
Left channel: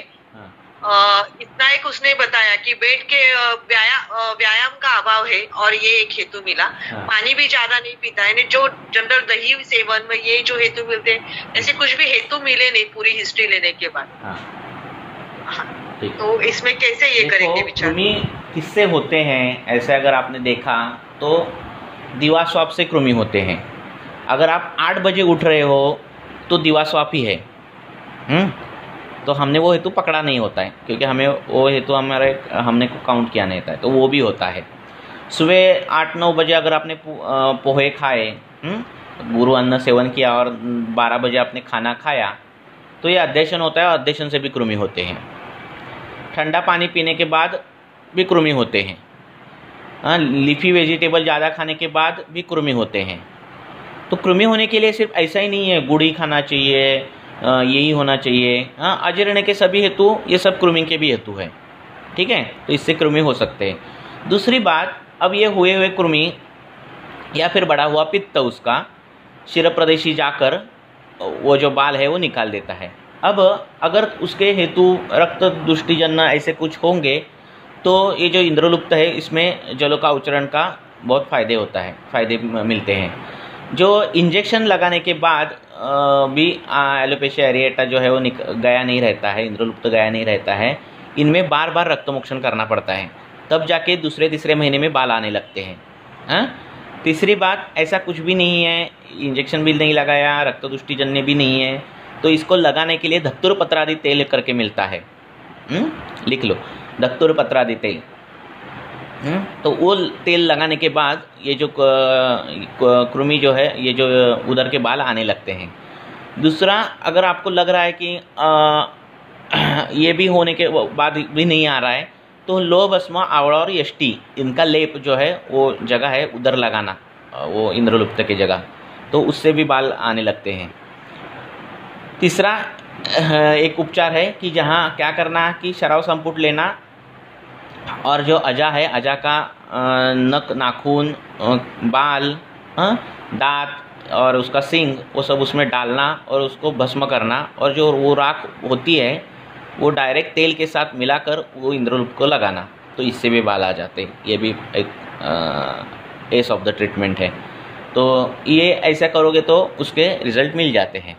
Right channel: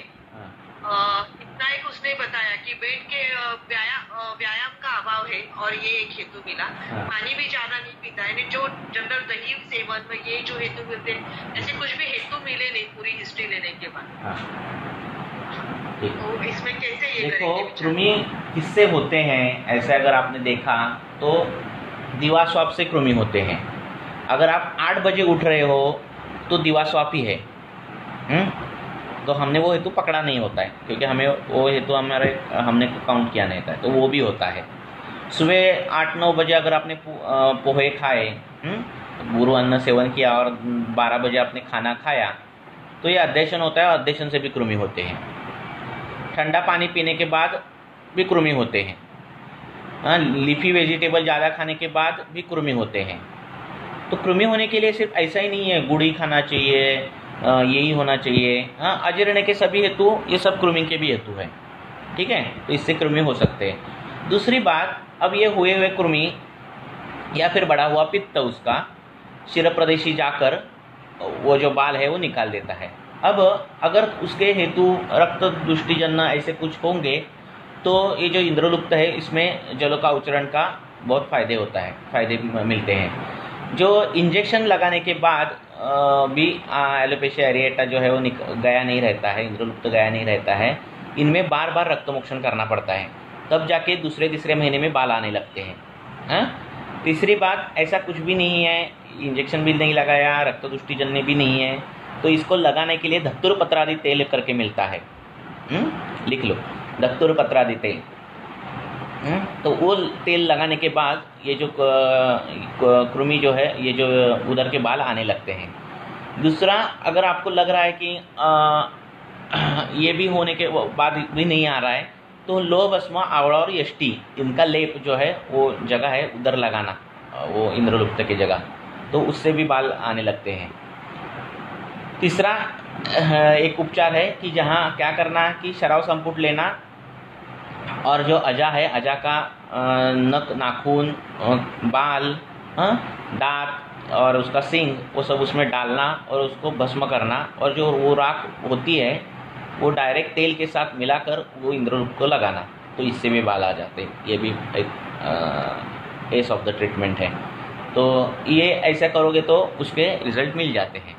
इतना एक उसने बताया कि बेड के व्यायाम का अभाव है, और ये एक हेतु मिला। पानी भी ज्यादा नहीं पीता है, जो जनरल दही सेवन में ये जो हेतु मिलते हैं, ऐसे कुछ भी हेतु मिले नहीं पूरी हिस्ट्री लेने के बाद। तो इसमें कैसे ये करेंगे विचार? कृमि किससे होते हैं ऐसे अगर आपने देखा तो दीवा स्वाप से कृमि होते हैं। अगर आप 8 बजे उठ रहे हो तो दीवा स्वाप ही है, तो हमने वो हेतु पकड़ा नहीं होता है, क्योंकि हमें वो हेतु हमने को काउंट किया नहीं होता है, तो वो भी होता है। सुबह 8-9 बजे अगर आपने पोहे खाए, गुरु अन्न सेवन किया, और 12 बजे आपने खाना खाया, तो ये अध्यशन होता है, और अध्यशन से भी कृमि होते हैं। ठंडा पानी पीने के बाद भी कृमि होते हैं। लीफी वेजिटेबल ज़्यादा खाने के बाद भी कृमि होते हैं। तो कृमि होने के लिए सिर्फ ऐसा ही नहीं है गुड़ी खाना चाहिए, यही होना चाहिए। अजीर्ण के सभी हेतु, ये सब कृमि के भी हेतु है, ठीक है, तो इससे कृमि हो सकते हैं। दूसरी बात, अब ये हुए कृमि या फिर बड़ा हुआ पित्त उसका शिर प्रदेशी जाकर वो जो बाल है वो निकाल देता है। अब अगर उसके हेतु रक्त दुष्टिजन्य ऐसे कुछ होंगे तो ये जो इंद्रलुप्त है इसमें जलों का उच्चरण का बहुत फायदे मिलते हैं। जो इंजेक्शन लगाने के बाद भी एलोपेशिया एरिएटा जो है वो गया नहीं रहता है, इंद्रलुप्त गया नहीं रहता है, इनमें बार बार रक्तमोक्षण करना पड़ता है, तब जाके दूसरे महीने में बाल आने लगते हैं। तीसरी बात, ऐसा कुछ भी नहीं है, इंजेक्शन भी नहीं लगाया, रक्त दुष्टिजन्य भी नहीं है, तो इसको लगाने के लिए धतुर पत्रादि तेल करके मिलता है, लिख लो, धतुर पत्रादि तेल। तो वो तेल लगाने के बाद ये जो कृमि जो है, ये जो उदर के बाल आने लगते हैं। दूसरा, अगर आपको लग रहा है कि ये भी होने के बाद भी नहीं आ रहा है, तो लौह भस्म, आवड़ा और यष्टि, इनका लेप जो है वो जगह है उधर लगाना, वो इंद्रलुप्त की जगह, तो उससे भी बाल आने लगते हैं। तीसरा एक उपचार है कि जहाँ क्या करना कि शराव संपुट लेना, और जो अजा है, अजा का नख, नाखून, बाल, दांत और उसका सींग, वो सब उसमें डालना और उसको भस्म करना, और जो वो राख होती है वो डायरेक्ट तेल के साथ मिलाकर वो इंद्रलुप्त को लगाना, तो इससे भी बाल आ जाते हैं। ये भी एक एस ऑफ द ट्रीटमेंट है। तो ये ऐसा करोगे तो उसके रिजल्ट मिल जाते हैं।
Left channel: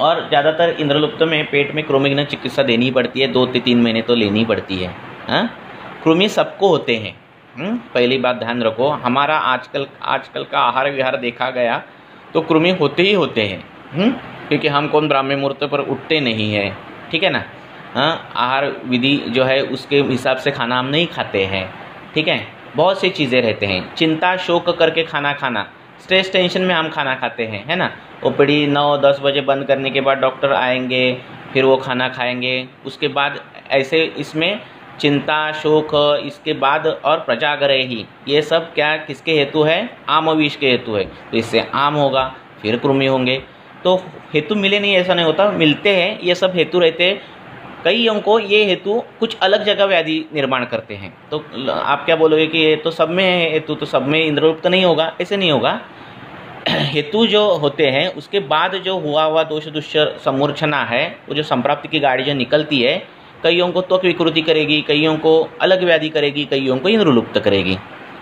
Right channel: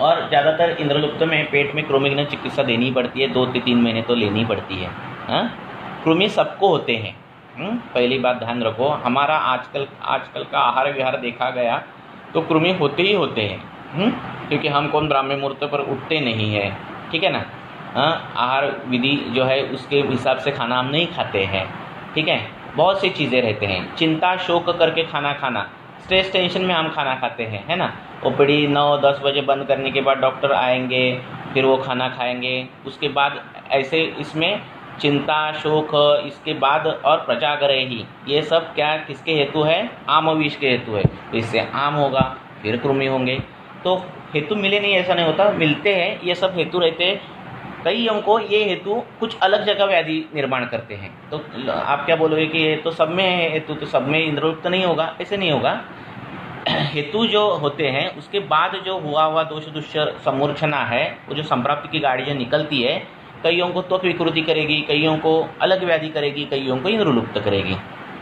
और ज़्यादातर इंद्रलुप्त में पेट में कृमिघ्न चिकित्सा देनी पड़ती है, 2 से 3 महीने तो लेनी पड़ती है। कृमि सबको होते हैं, पहली बात ध्यान रखो। हमारा आजकल का आहार विहार देखा गया तो कृमि होते ही होते हैं, क्योंकि हम कौन ब्राह्मण मुहूर्त पर उठते नहीं है, ठीक है ना। आहार विधि जो है उसके हिसाब से खाना हम नहीं खाते हैं, ठीक है। बहुत सी चीज़ें रहते हैं, चिंता शोक करके खाना, स्ट्रेस टेंशन में हम खाना खाते हैं, है ना। ओपीडी 9-10 बजे बंद करने के बाद डॉक्टर आएंगे, फिर वो खाना खाएंगे, उसके बाद ऐसे इसमें चिंता शोक, इसके बाद और प्रजाग्रही, ये सब क्या किसके हेतु है? आम विष के हेतु है। तो इससे आम होगा, फिर कृमि होंगे। तो हेतु मिले नहीं ऐसा नहीं होता, मिलते हैं, ये सब हेतु रहते कईयों को ये हेतु कुछ अलग जगह व्याधि निर्माण करते हैं। तो आप क्या बोलोगे कि ये तो सब में है हेतु, तो सब में इंद्रलुप्त नहीं होगा? ऐसे नहीं होगा। हेतु जो होते हैं उसके बाद जो हुआ दोष दुष्य समूर्छना है, वो जो संप्राप्ति की गाड़ी जो निकलती है, कईयों को त्वक विकृति करेगी, कईयों को अलग व्याधि करेगी, कईयों को इंद्रलुप्त करेगी।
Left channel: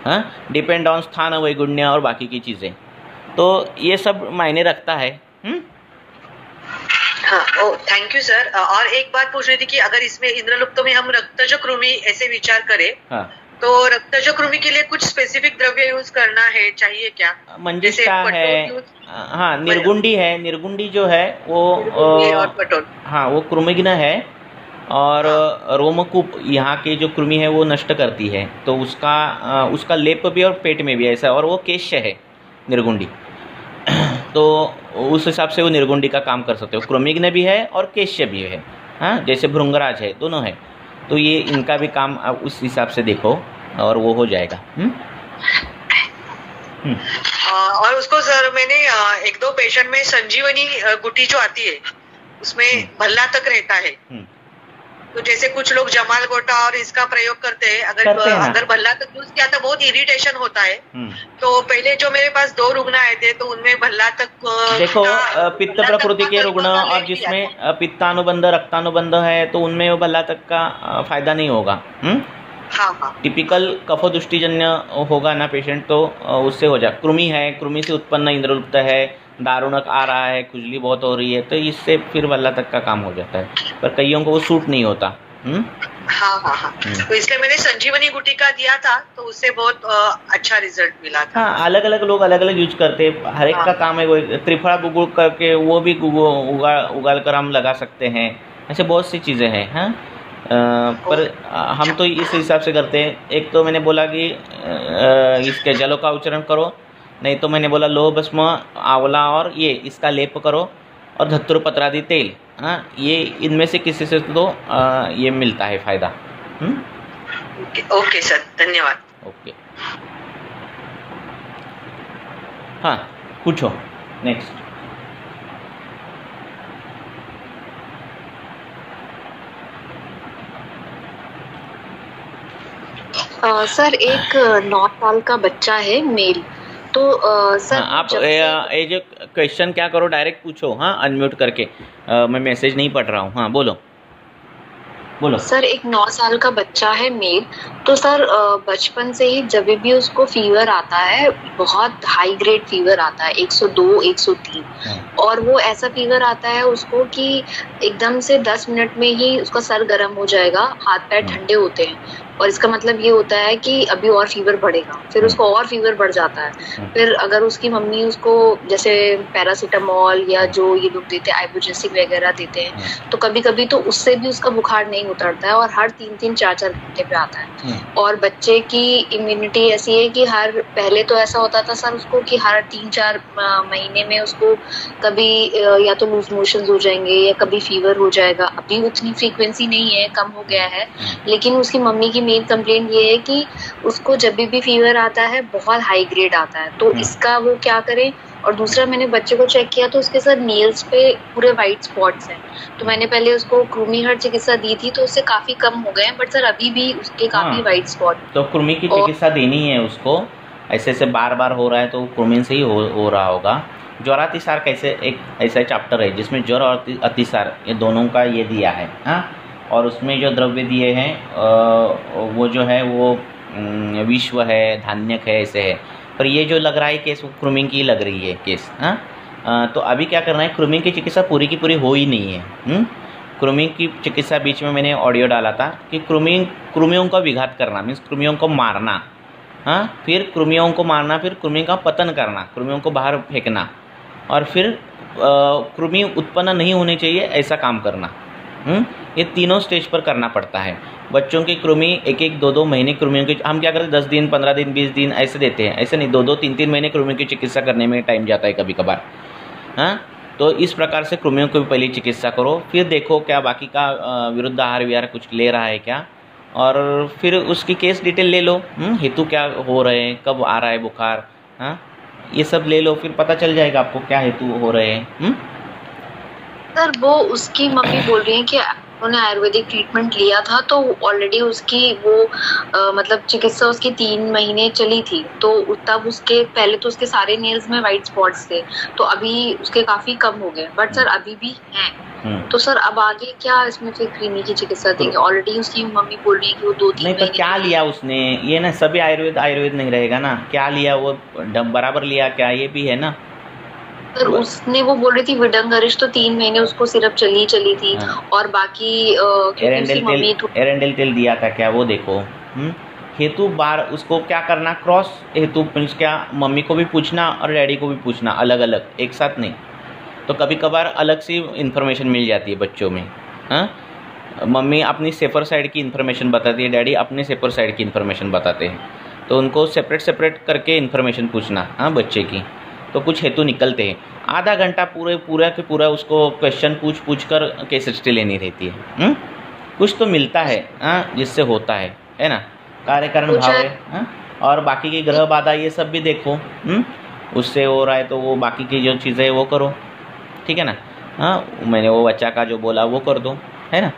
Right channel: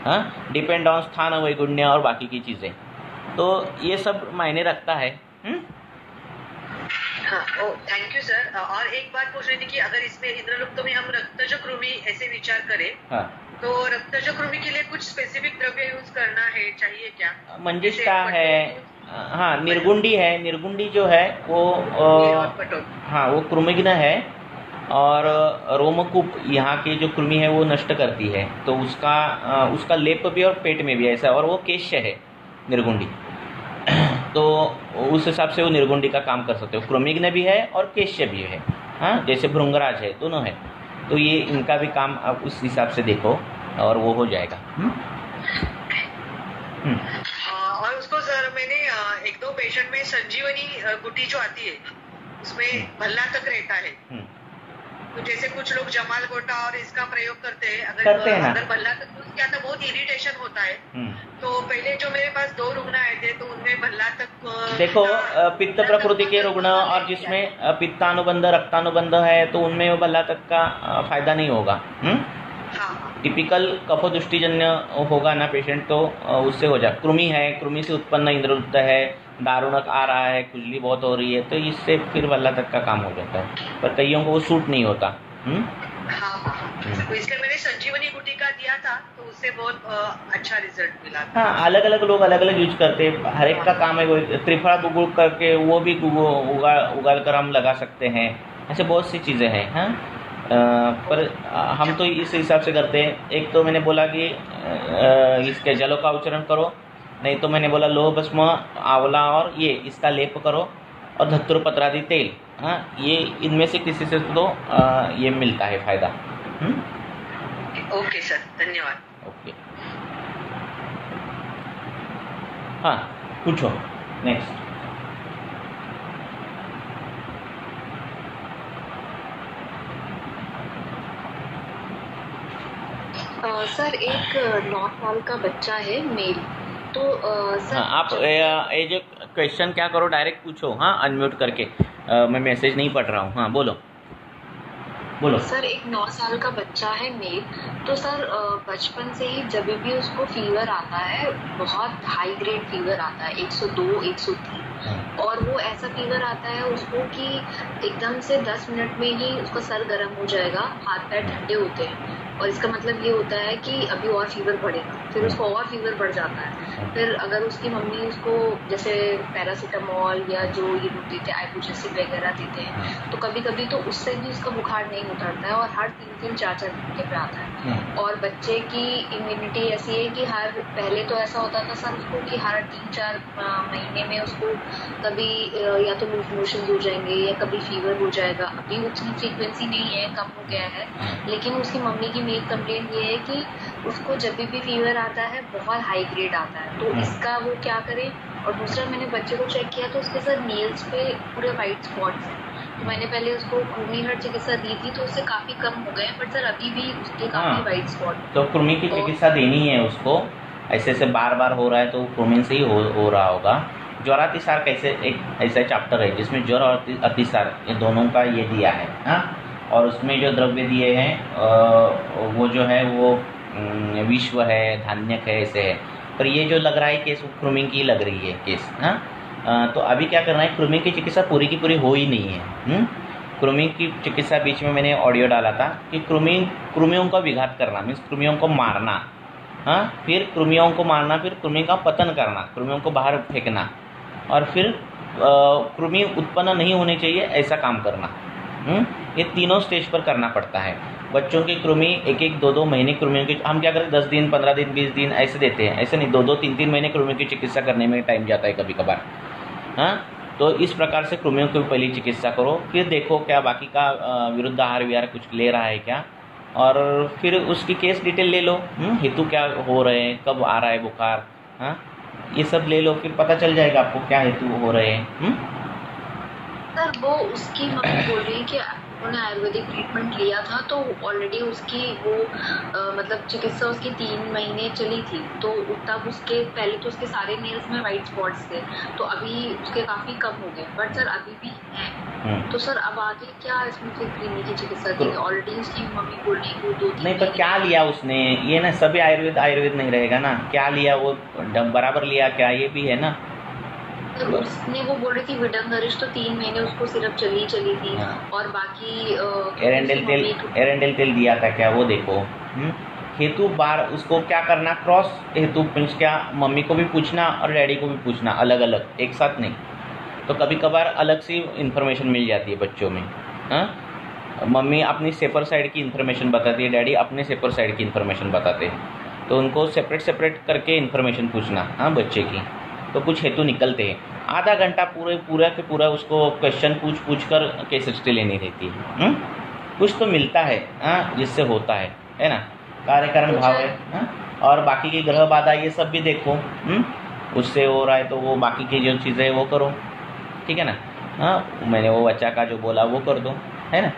हाँ, डिपेंड ऑन स्थान, वैगुण्य और बाकी की चीज़ें। तो ये सब मायने रखता है। हाँ, ओ थैंक यू सर। और एक बात पूछ रही थी कि अगर इसमें इंद्रलुप्त में हम रक्तज कृमि ऐसे विचार करें, हाँ, तो रक्तज कृमि के लिए कुछ स्पेसिफिक द्रव्य यूज करना है, चाहिए क्या? मंजिष्ठा है, हाँ, निर्गुंडी है। निर्गुंडी जो है वो और पटोल, हाँ, वो कृमिघ्न है और रोमकूप यहाँ के जो कृमि है वो नष्ट करती है, तो उसका लेप भी और पेट में भी ऐसा, और वो केश्य है निर्गुंडी। तो उस हिसाब से वो निर्गुंडी का काम कर सकते हो। कृमिघ्न भी है और केश्य भी है, हाँ, जैसे भृंगराज है, दोनों है। तो ये इनका भी काम आप उस हिसाब से देखो और वो हो जाएगा। और उसको सर मैंने 1-2 पेशेंट में संजीवनी गुटी जो आती है उसमें भल्ला तक रहता है, तो जैसे कुछ लोग जमाल गोटा और इसका प्रयोग करते हैं, अगर भल्ला तक यूज किया तो बहुत इरिटेशन होता है। तो पहले जो मेरे पास 2 रुग्ण आए थे तो उनमें भल्ला तक देखो पित्त प्रकृति के रुग्ण और जिसमें पित्तानुबंध रक्तानुबंध है तो उनमें वो भल्ला तक का फायदा नहीं होगा। हाँ। टिपिकल कफदुष्टिजन्य होगा ना पेशेंट, तो उससे हो जाए। कृमि है, कृमि से उत्पन्न इंद्रलुप्त है, दारुणक आ रहा है, खुजली बहुत हो रही है, तो इससे फिर भल्ला तक का काम हो जाता है, पर कईयों को वो सूट नहीं होता। हाँ। तो इसलिए मैंने संजीवनी गुटिका दिया था, तो उससे बहुत अच्छा रिजल्ट मिला था। हाँ, अलग अलग लोग अलग अलग यूज करते हैं, हर एक का काम है। वो त्रिफला गुगुल करके वो भी उगाल कर हम लगा सकते हैं, ऐसे बहुत सी चीज़ें हैं। हाँ, पर हम तो इस हिसाब से करते हैं। एक तो मैंने बोला कि इसके जलों का उच्चारण करो, नहीं तो मैंने बोला लोह भस्म, आंवला और ये इसका लेप करो, और धतुर पत्रादि तेल, हाँ, ये इनमें से किसी से तो ये मिलता है फायदा। ओके सर, धन्यवाद। ओके, हाँ, पूछो नेक्स्ट। सर एक 9 साल का बच्चा है, मेल। तो सर आप ये जो क्वेश्चन क्या करो, डायरेक्ट पूछो, हाँ, अनम्यूट करके। मैं मैसेज नहीं पढ़ रहा हूँ। हाँ, बोलो। सर एक 9 साल का बच्चा है, मेल। तो सर बचपन से ही जब भी उसको फीवर आता है, बहुत हाई ग्रेड फीवर आता है, 102, 103, और वो ऐसा फीवर आता है उसको कि एकदम से 10 मिनट में ही उसका सर गर्म हो जाएगा, हाथ पैर ठंडे होते हैं, और इसका मतलब ये होता है कि अभी और फीवर बढ़ेगा, फिर उसको और फीवर बढ़ जाता है। फिर अगर उसकी मम्मी उसको जैसे पैरासीटामोल या जो ये लोग देते हैं आइबुप्रोफेन वगैरह देते हैं, तो कभी कभी तो उससे भी उसका बुखार नहीं उतरता है, और हर 3-3, 4-4 घंटे पे आता है। और बच्चे की इम्यूनिटी ऐसी है कि पहले तो ऐसा होता था सर उसको कि हर 3-4 महीने में उसको कभी या तो लूज मोशंस हो जाएंगे या कभी फीवर हो जाएगा। अभी उतनी फ्रीक्वेंसी नहीं है, कम हो गया है, लेकिन उसकी मम्मी की मेन कंप्लेंट ये है कि उसको जब भी फीवर आता है बहुत हाई ग्रेड आता है। तो इसका वो क्या करें? और दूसरा, मैंने बच्चे को चेक किया तो उसके सर नील्स पे पूरे वाइट स्पॉट्स हैं। तो मैंने पहले उसको कृमिहर चिकित्सा दी थी तो उससे काफी कम हो गए, बट सर अभी भी उसके काफी वाइट स्पॉट। तो कृमि की चिकित्सा देनी है उसको। ऐसे बार हो रहा है तो कृमि से ही हो रहा होगा। ज्वरातिसार कैसे, एक ऐसा चैप्टर है जिसमें ज्वर और अतिसार ये दोनों का ये दिया है। हाँ, और उसमें जो द्रव्य दिए हैं वो जो है वो विश्व है, धान्यक है, ऐसे है। पर ये जो लग रहा है केस, वो कृमि की लग रही है केस। हाँ, तो अभी क्या करना है, कृमि की चिकित्सा पूरी की पूरी हो ही नहीं है। कृमि की चिकित्सा बीच में मैंने ऑडियो डाला था कि कृमियों का विघात करना, मीन्स कृमियों को मारना। हाँ, फिर कृमियों को मारना, फिर कृमि का पतन करना, कृमियों को बाहर फेंकना, और फिर कृमि उत्पन्न नहीं होनी चाहिए ऐसा काम करना। ये तीनों स्टेज पर करना पड़ता है। बच्चों की कृमि 1-1, 2-2 महीने कृमियों की हम क्या करते हैं, 10 दिन, 15 दिन, 20 दिन ऐसे देते हैं। ऐसे नहीं, 2-2, 3-3 महीने कृमियों की चिकित्सा करने में टाइम जाता है कभी कभार। हाँ, तो इस प्रकार से कृमियों की पहले चिकित्सा करो, फिर देखो क्या बाकी का विरुद्ध आहार विहार कुछ ले रहा है क्या, और फिर उसकी केस डिटेल ले लो। हेतु क्या हो रहे हैं, कब आ रहा है बुखार, हाँ, ये सब ले लो, फिर पता चल जाएगा आपको क्या हेतु हो रहे हैं। सर वो उसकी मम्मी बोल रही है कि उन्होंने आयुर्वेदिक ट्रीटमेंट लिया था तो ऑलरेडी उसकी वो मतलब चिकित्सा उसकी 3 महीने चली थी, तो तब उसके पहले तो उसके सारे नेल्स में वाइट स्पॉट्स थे, तो अभी उसके काफी कम हो गए, बट सर अभी भी हैं। तो सर अब आगे क्या इसमें फिर क्रीमी की चिकित्सा देंगे? ऑलरेडी उसकी मम्मी बोल रही है कि वो 2-3 नहीं, तो क्या लिया उसने? ये ना सभी आयुर्वेद नहीं रहेगा ना, क्या लिया वो बराबर लिया क्या, ये भी है ना। सर उसने वो बोल रही थी विडंगरिश, तो 3 महीने उसको सिर्फ चली थी। और बाकी एरेंडेल तेल दिया था क्या, वो देखो। हेतु बार उसको क्या करना, क्रॉस हेतु मीन्स क्या, मम्मी को भी पूछना और डैडी को भी पूछना, अलग अलग, एक साथ नहीं। तो कभी कभार अलग सी इन्फॉर्मेशन मिल जाती है बच्चों में। मम्मी अपनी सेफर साइड की इन्फॉर्मेशन बताती है, डैडी अपने सेफर साइड की इन्फॉर्मेशन बताते हैं, तो उनको सेपरेट करके इन्फॉर्मेशन पूछना बच्चे की, तो कुछ हेतु निकलते हैं। आधा घंटा पूरा के पूरा उसको क्वेश्चन पूछ कर केस स्टडी लेनी रहती है। कुछ तो मिलता है जिससे होता है ना, कार्यक्रम भाव है। और बाकी की ग्रह बाधा ये सब भी देखो, उससे हो रहा है तो वो बाकी की जो चीज़ें वो करो, ठीक है ना। मैंने वो बच्चा का जो बोला वो कर दो, है ना।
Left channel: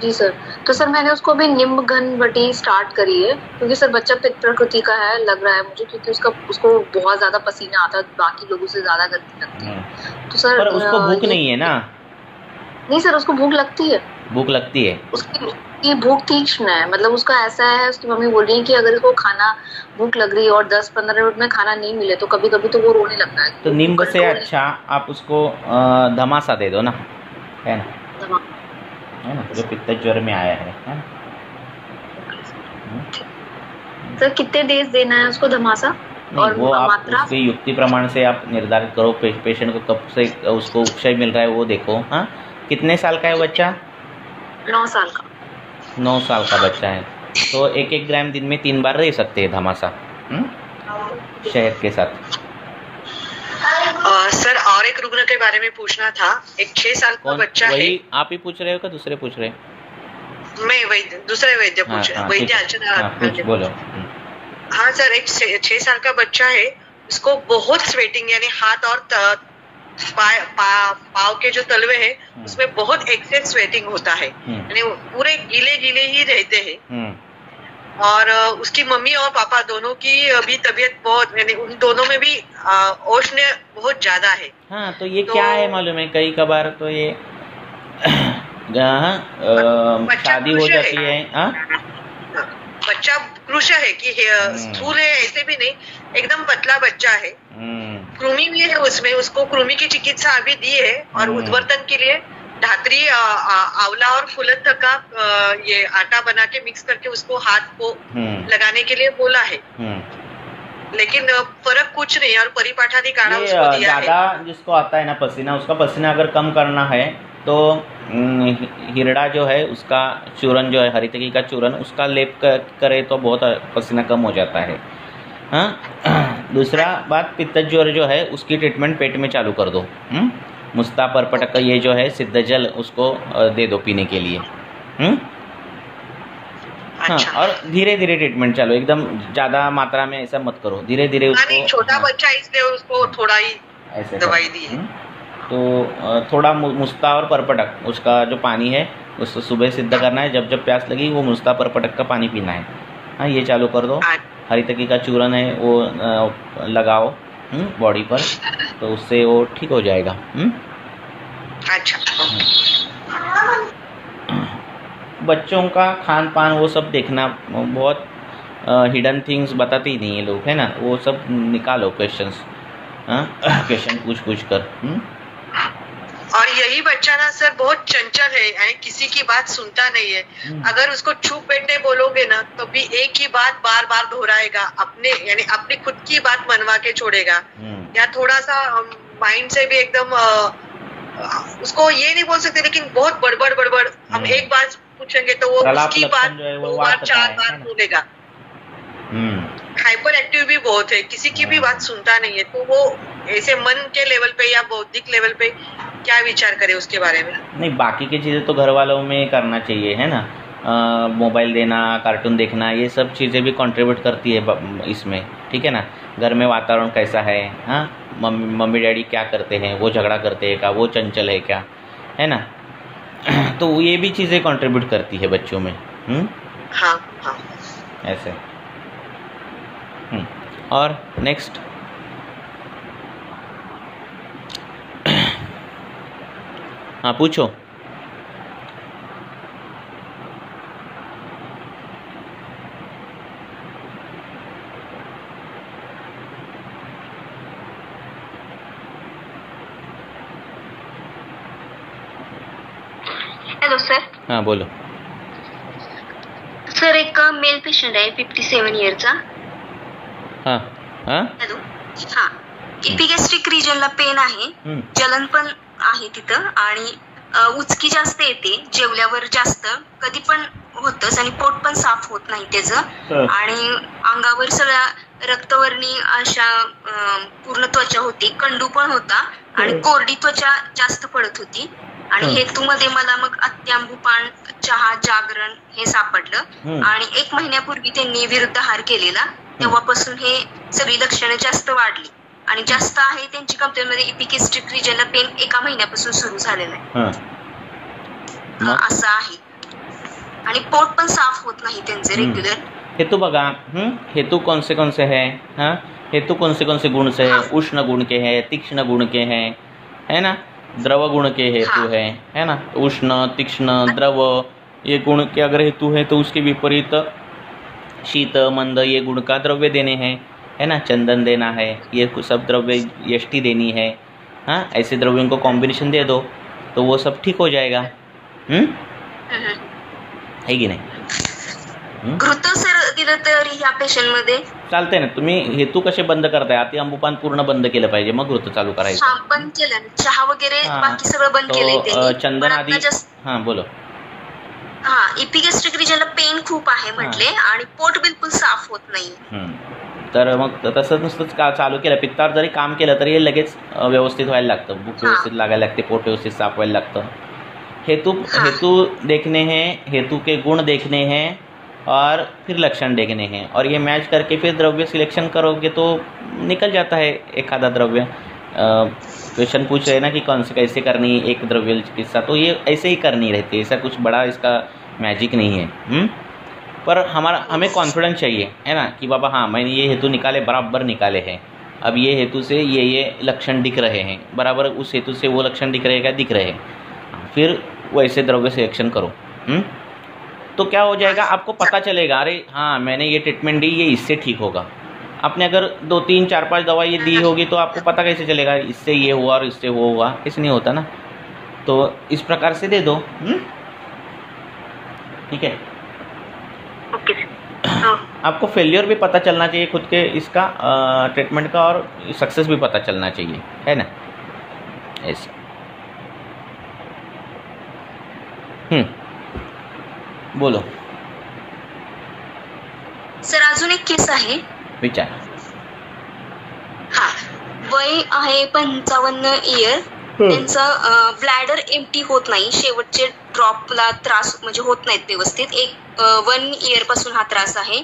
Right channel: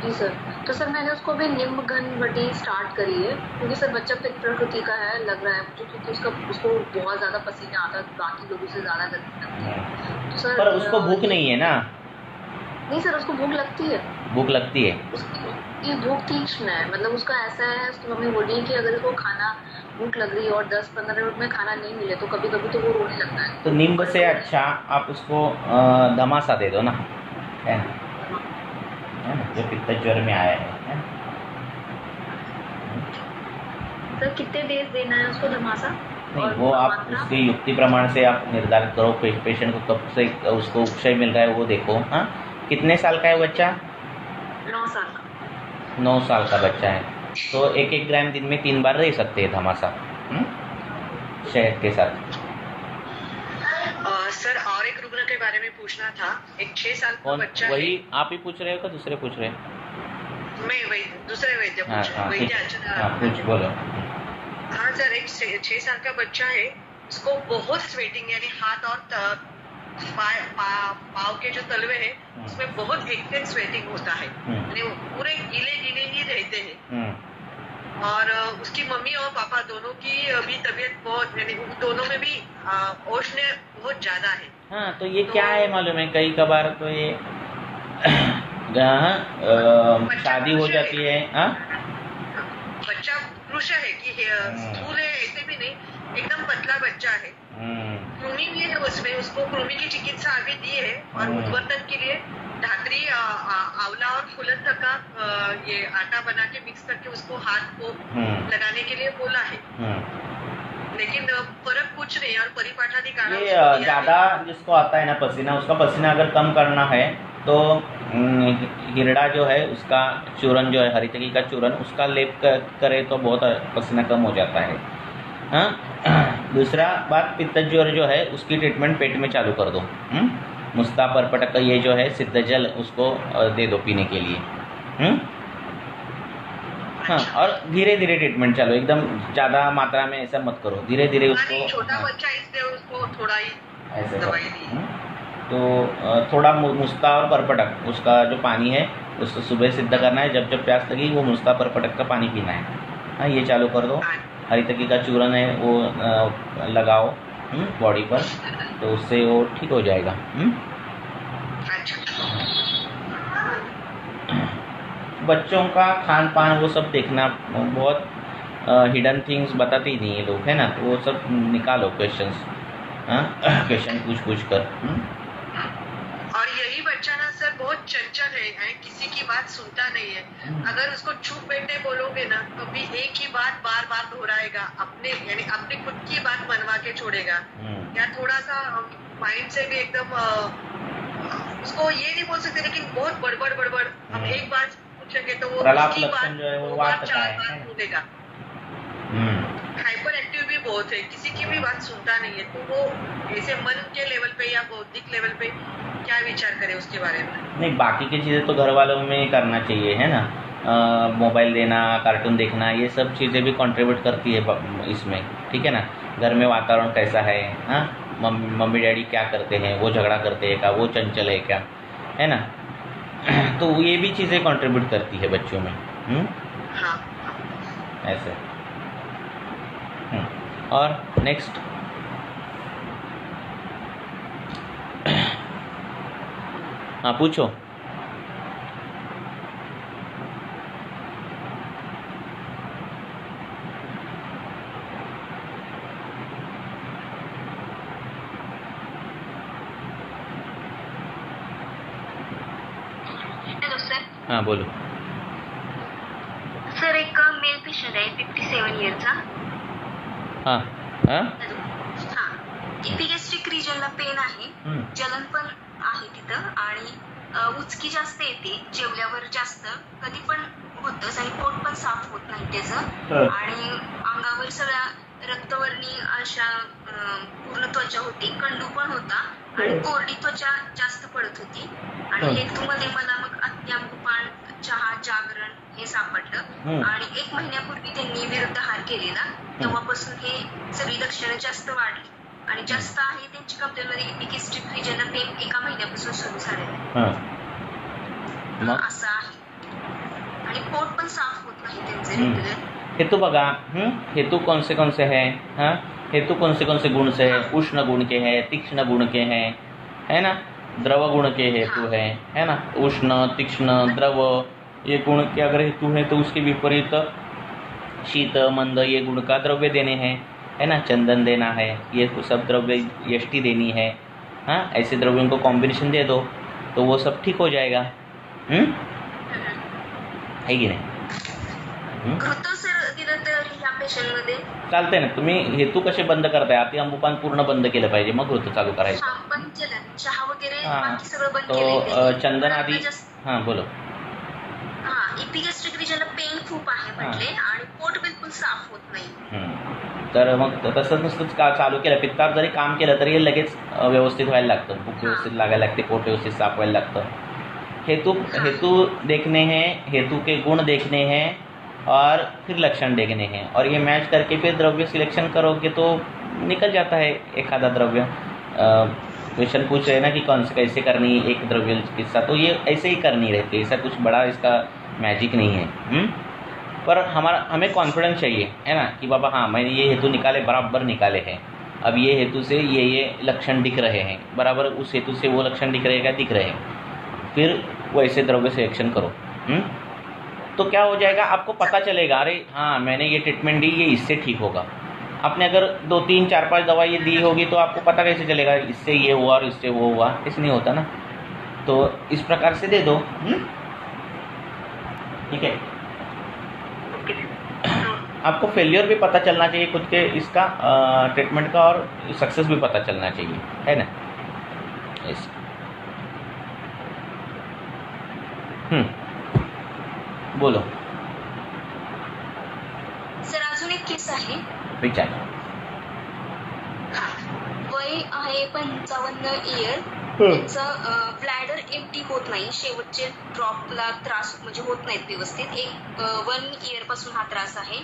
जी सर, तो सर मैंने उसको अभी निम्ब घन बटी स्टार्ट करी है, क्योंकि सर बच्चा पित्त प्रकृति का है लग रहा है मुझे, क्योंकि उसको बहुत ज्यादा पसीना आता है, बाकी लोगों से ज्यादा गर्मी लगती है। तो सर पर उसको भूख नहीं है ना? नहीं सर, उसको भूख लगती है। भूख लगती है, उसकी भूख तीक्ष्ण है, मतलब उसका ऐसा है, उसकी मम्मी बोल रही है कि अगर इसको खाना भूख लग रही है और 10-15 मिनट में खाना नहीं मिले तो कभी कभी तो वो रोने लगता है। तो नींद से अच्छा आप उसको धमासा दे दो ना, है ना, जो पित्त ज्वर में आया है। सर कितने डेज देना है उसको धमासा? और वो आप उसकी युक्ति प्रमाण से आप निर्धारित करो, पेशेंट को कब से उसको उपशय मिल रहा है वो देखो। कितने साल का है बच्चा? 9 साल का। 9 साल का बच्चा है, तो 1-1 ग्राम दिन में 3 बार ले सकते हैं धमासा शहद के साथ। सर और एक रुग्ण के बारे में पूछना था। एक 6 साल का बच्चा है। वही आप ही पूछ रहे हो क्या दूसरे पूछ रहे? मैं वैद्य, दूसरे वैद्य पूछ रहे, वैद्य अर्चना बोलो। हाँ सर, एक 6 साल का बच्चा है, उसको बहुत स्वेटिंग, यानी हाथ और पाव के जो तलवे है उसमें बहुत एक्सेस स्वेटिंग होता है, यानी पूरे गीले ही रहते हैं। और उसकी मम्मी और पापा दोनों की अभी तबीयत बहुत, यानी उन दोनों में भी औष्ण्य बहुत ज्यादा है। हाँ, तो ये क्या है मालूम है, कई कबार तो ये शादी हो जाती है। बच्चा कृश है कि स्थूल है ऐसे भी नहीं, एकदम पतला बच्चा है। कृमि भी है उसमें, उसको कृमि की चिकित्सा अभी दी है, और उद्वर्तन के लिए धात्री, आंवला और फुलत का ये आटा बना के मिक्स करके उसको हाथ को लगाने के लिए बोला है, लेकिन फर्क कुछ नहीं। और परिपाठादी काढ़ा उसको दिया है। ज्यादा जिसको आता है ना पसीना, उसका पसीना अगर कम करना है तो हिरड़ा जो है उसका चूरन जो है, हरितकी का चूरन, उसका लेप करे तो बहुत पसीना कम हो जाता है। दूसरा बात, पित्त ज्वर जो है उसकी ट्रीटमेंट पेट में चालू कर दो। मुस्ता परपटक ये जो है सिद्ध जल उसको दे दो पीने के लिए। अच्छा। हाँ, और धीरे धीरे ट्रीटमेंट चालू, एकदम ज्यादा मात्रा में ऐसा मत करो, धीरे धीरे उसको। छोटा बच्चा इसलिए उसको थोड़ा ही ऐसे दवाई दी है। तो थोड़ा मुस्ता और परपटक उसका जो पानी है उसको सुबह सिद्ध करना है, जब जब प्यास लगी वो मुस्ता परपटक का पानी पीना है। हाँ, ये चालू कर दो। हरितकी का चूरन है वो लगाओ बॉडी पर, तो उससे वो ठीक हो जाएगा। अच्छा। बच्चों का खान पान वो सब देखना, बहुत हिडन थिंग्स बताते ही नहीं है लोग, है ना, वो सब निकालो क्वेश्चंस, क्वेश्चन पूछ कर। और यही बच्चा ना सर बहुत चंचल है, यानी किसी की बात सुनता नहीं है। अगर उसको चुप बैठने बोलोगे ना, कभी एक ही बात बार बार दोहराएगा, यानी अपनी खुद की बात मनवा के छोड़ेगा, या थोड़ा सा माइंड से भी एकदम उसको ये नहीं बोल सकते, लेकिन बहुत बड़बड़ हम एक बात पूछेंगे तो वो उसकी बात 2 बार 4 बार बोलेगा। हाइपर एक्टिव भी बहुत है, किसी की भी बात सुनता नहीं है। तो वो ऐसे मन के लेवल पे या बौद्धिक लेवल पे क्या विचार करे उसके बारे में? नहीं, बाकी की चीजें तो घर वालों में करना चाहिए, है ना। मोबाइल देना, कार्टून देखना, ये सब चीजें भी कंट्रीब्यूट करती है इसमें, ठीक है ना। घर में वातावरण कैसा है, मम्मी डैडी क्या करते हैं, वो झगड़ा करते हैं क्या, वो चंचल है क्या, है ना। तो ये भी चीज़ें कंट्रीब्यूट करती है बच्चों में। हाँ हाँ ऐसे। और नेक्स्ट, हाँ पूछो। Hello sir. हाँ बोलो। सर एक मेल पेशंट आहे 57 इयरचा। हाँ हाँ हॅलो, हा इपिगॅस्ट्रिक रिजनला पेन आहे, जलन पण आहे तिथं आणि उचकी जास्त येते, जेवल्यावर जास्त कधी पण होतच आणि पोट पण साफ होत नाही त्याचं, आणि अंगावर सगळ्या रक्तवर्णी अशा पूर्ण त्वचा होती, कंडू पण होता आणि कोरडी त्वचा जास्त पडत होती, आणि हेतूमध्ये मला मग अत्याम्बुपान, चहा, जागरण हे सापडलं, आणि 1 महिन्यापूर्वी त्यांनी विरुद्धाहार केलेला, तेव्हापासून हे सगळी लक्षणं जास्त वाढली आणि जास्त आहे त्यांची कंप्लेंटमध्ये इपिगॅस्ट्रिक रिजनला पेन 1 महिन्यापासून सुरू झालेलं आहे, असं आहे, आणि पोट पण साफ होत नाही त्यांचे रेग्युलर। हेतु बघा, हेतु कौन से है, हाँ हेतु कौन से गुण से है, उष्ण गुण के है, तीक्ष्ण गुण के हैं, है ना, द्रव गुण के हेतु है ना, उष्ण, तीक्ष्ण, द्रव ये गुण के अगर हेतु है तो उसके विपरीत शीत, मंद ये गुण का द्रव्य देने हैं, है ना, चंदन देना है, ये सब द्रव्य यष्टि देनी है, हाँ ऐसे द्रव्यों को कॉम्बिनेशन दे दो तो वो सब ठीक हो जाएगा, है की नाही। सर दिलं तर ह्या पेशंट मध्ये चालतंय ना। तुम्ही हेतू कसे बंद करताय, अति अंबुपान पूर्ण बंद केलं पाहिजे, मग ऋतू चालू करायचं। हां बंद केलं, चहा वगैरे बाकी सगळं बंद केलंय त्यांनी, चंदन आधी, हां बोलो। हां इपिगॅस्ट्रिक रिजनला पेन खूप आहे म्हटले आणि पोट बिलकुल साफ होत नाही, तर मग तसंच नुसतंच का चालू केलं, पित्तावर जरी काम केलं तरी हे लगेच व्यवस्थित व्हायला लागतं, भूक व्यवस्थित लागायला लागते, पोट व्यवस्थित साफ व्हायला लागतं। हेतु देखने हैं, हेतु के गुण देखने हैं और फिर लक्षण देखने हैं, और ये मैच करके फिर द्रव्य सिलेक्शन करोगे तो निकल जाता है एक आधा द्रव्य। क्वेश्चन पूछ रहे ना कि कौन से कैसे करनी एक द्रव्य चिकित्सा, तो ये ऐसे ही करनी रहती है, ऐसा कुछ बड़ा इसका मैजिक नहीं है। पर हमें कॉन्फिडेंस चाहिए, है ना, कि बाबा हाँ मैंने ये हेतु निकाले, बराबर निकाले हैं, अब ये हेतु से ये लक्षण दिख रहे हैं, बराबर उस हेतु से वो लक्षण दिख रहे हैं, फिर वैसे द्रव्य सिलेक्शन करो। तो क्या हो जाएगा, आपको पता चलेगा, अरे हाँ मैंने ये ट्रीटमेंट दी, ये इससे ठीक होगा। आपने अगर 2, 3, 4, 5 दवाई दी होगी तो आपको पता कैसे चलेगा इससे ये हुआ और इससे वो हुआ, ऐसे नहीं होता ना। तो इस प्रकार से दे दो, ठीक है। आपको फेलियर भी पता चलना चाहिए खुद के इसका ट्रीटमेंट का, और सक्सेस भी पता चलना चाहिए, है ना, ऐसे। बोलो सर। अजून एक केस आहे, विचार। हा वय आहे 55 इयर, त्यांचं ब्लॅडर एम्प्टी होत नाही, शेवटचे ड्रॉपला त्रास म्हणजे होत नाहीत व्यवस्थित, 1 इयर पासून हा त्रास आहे,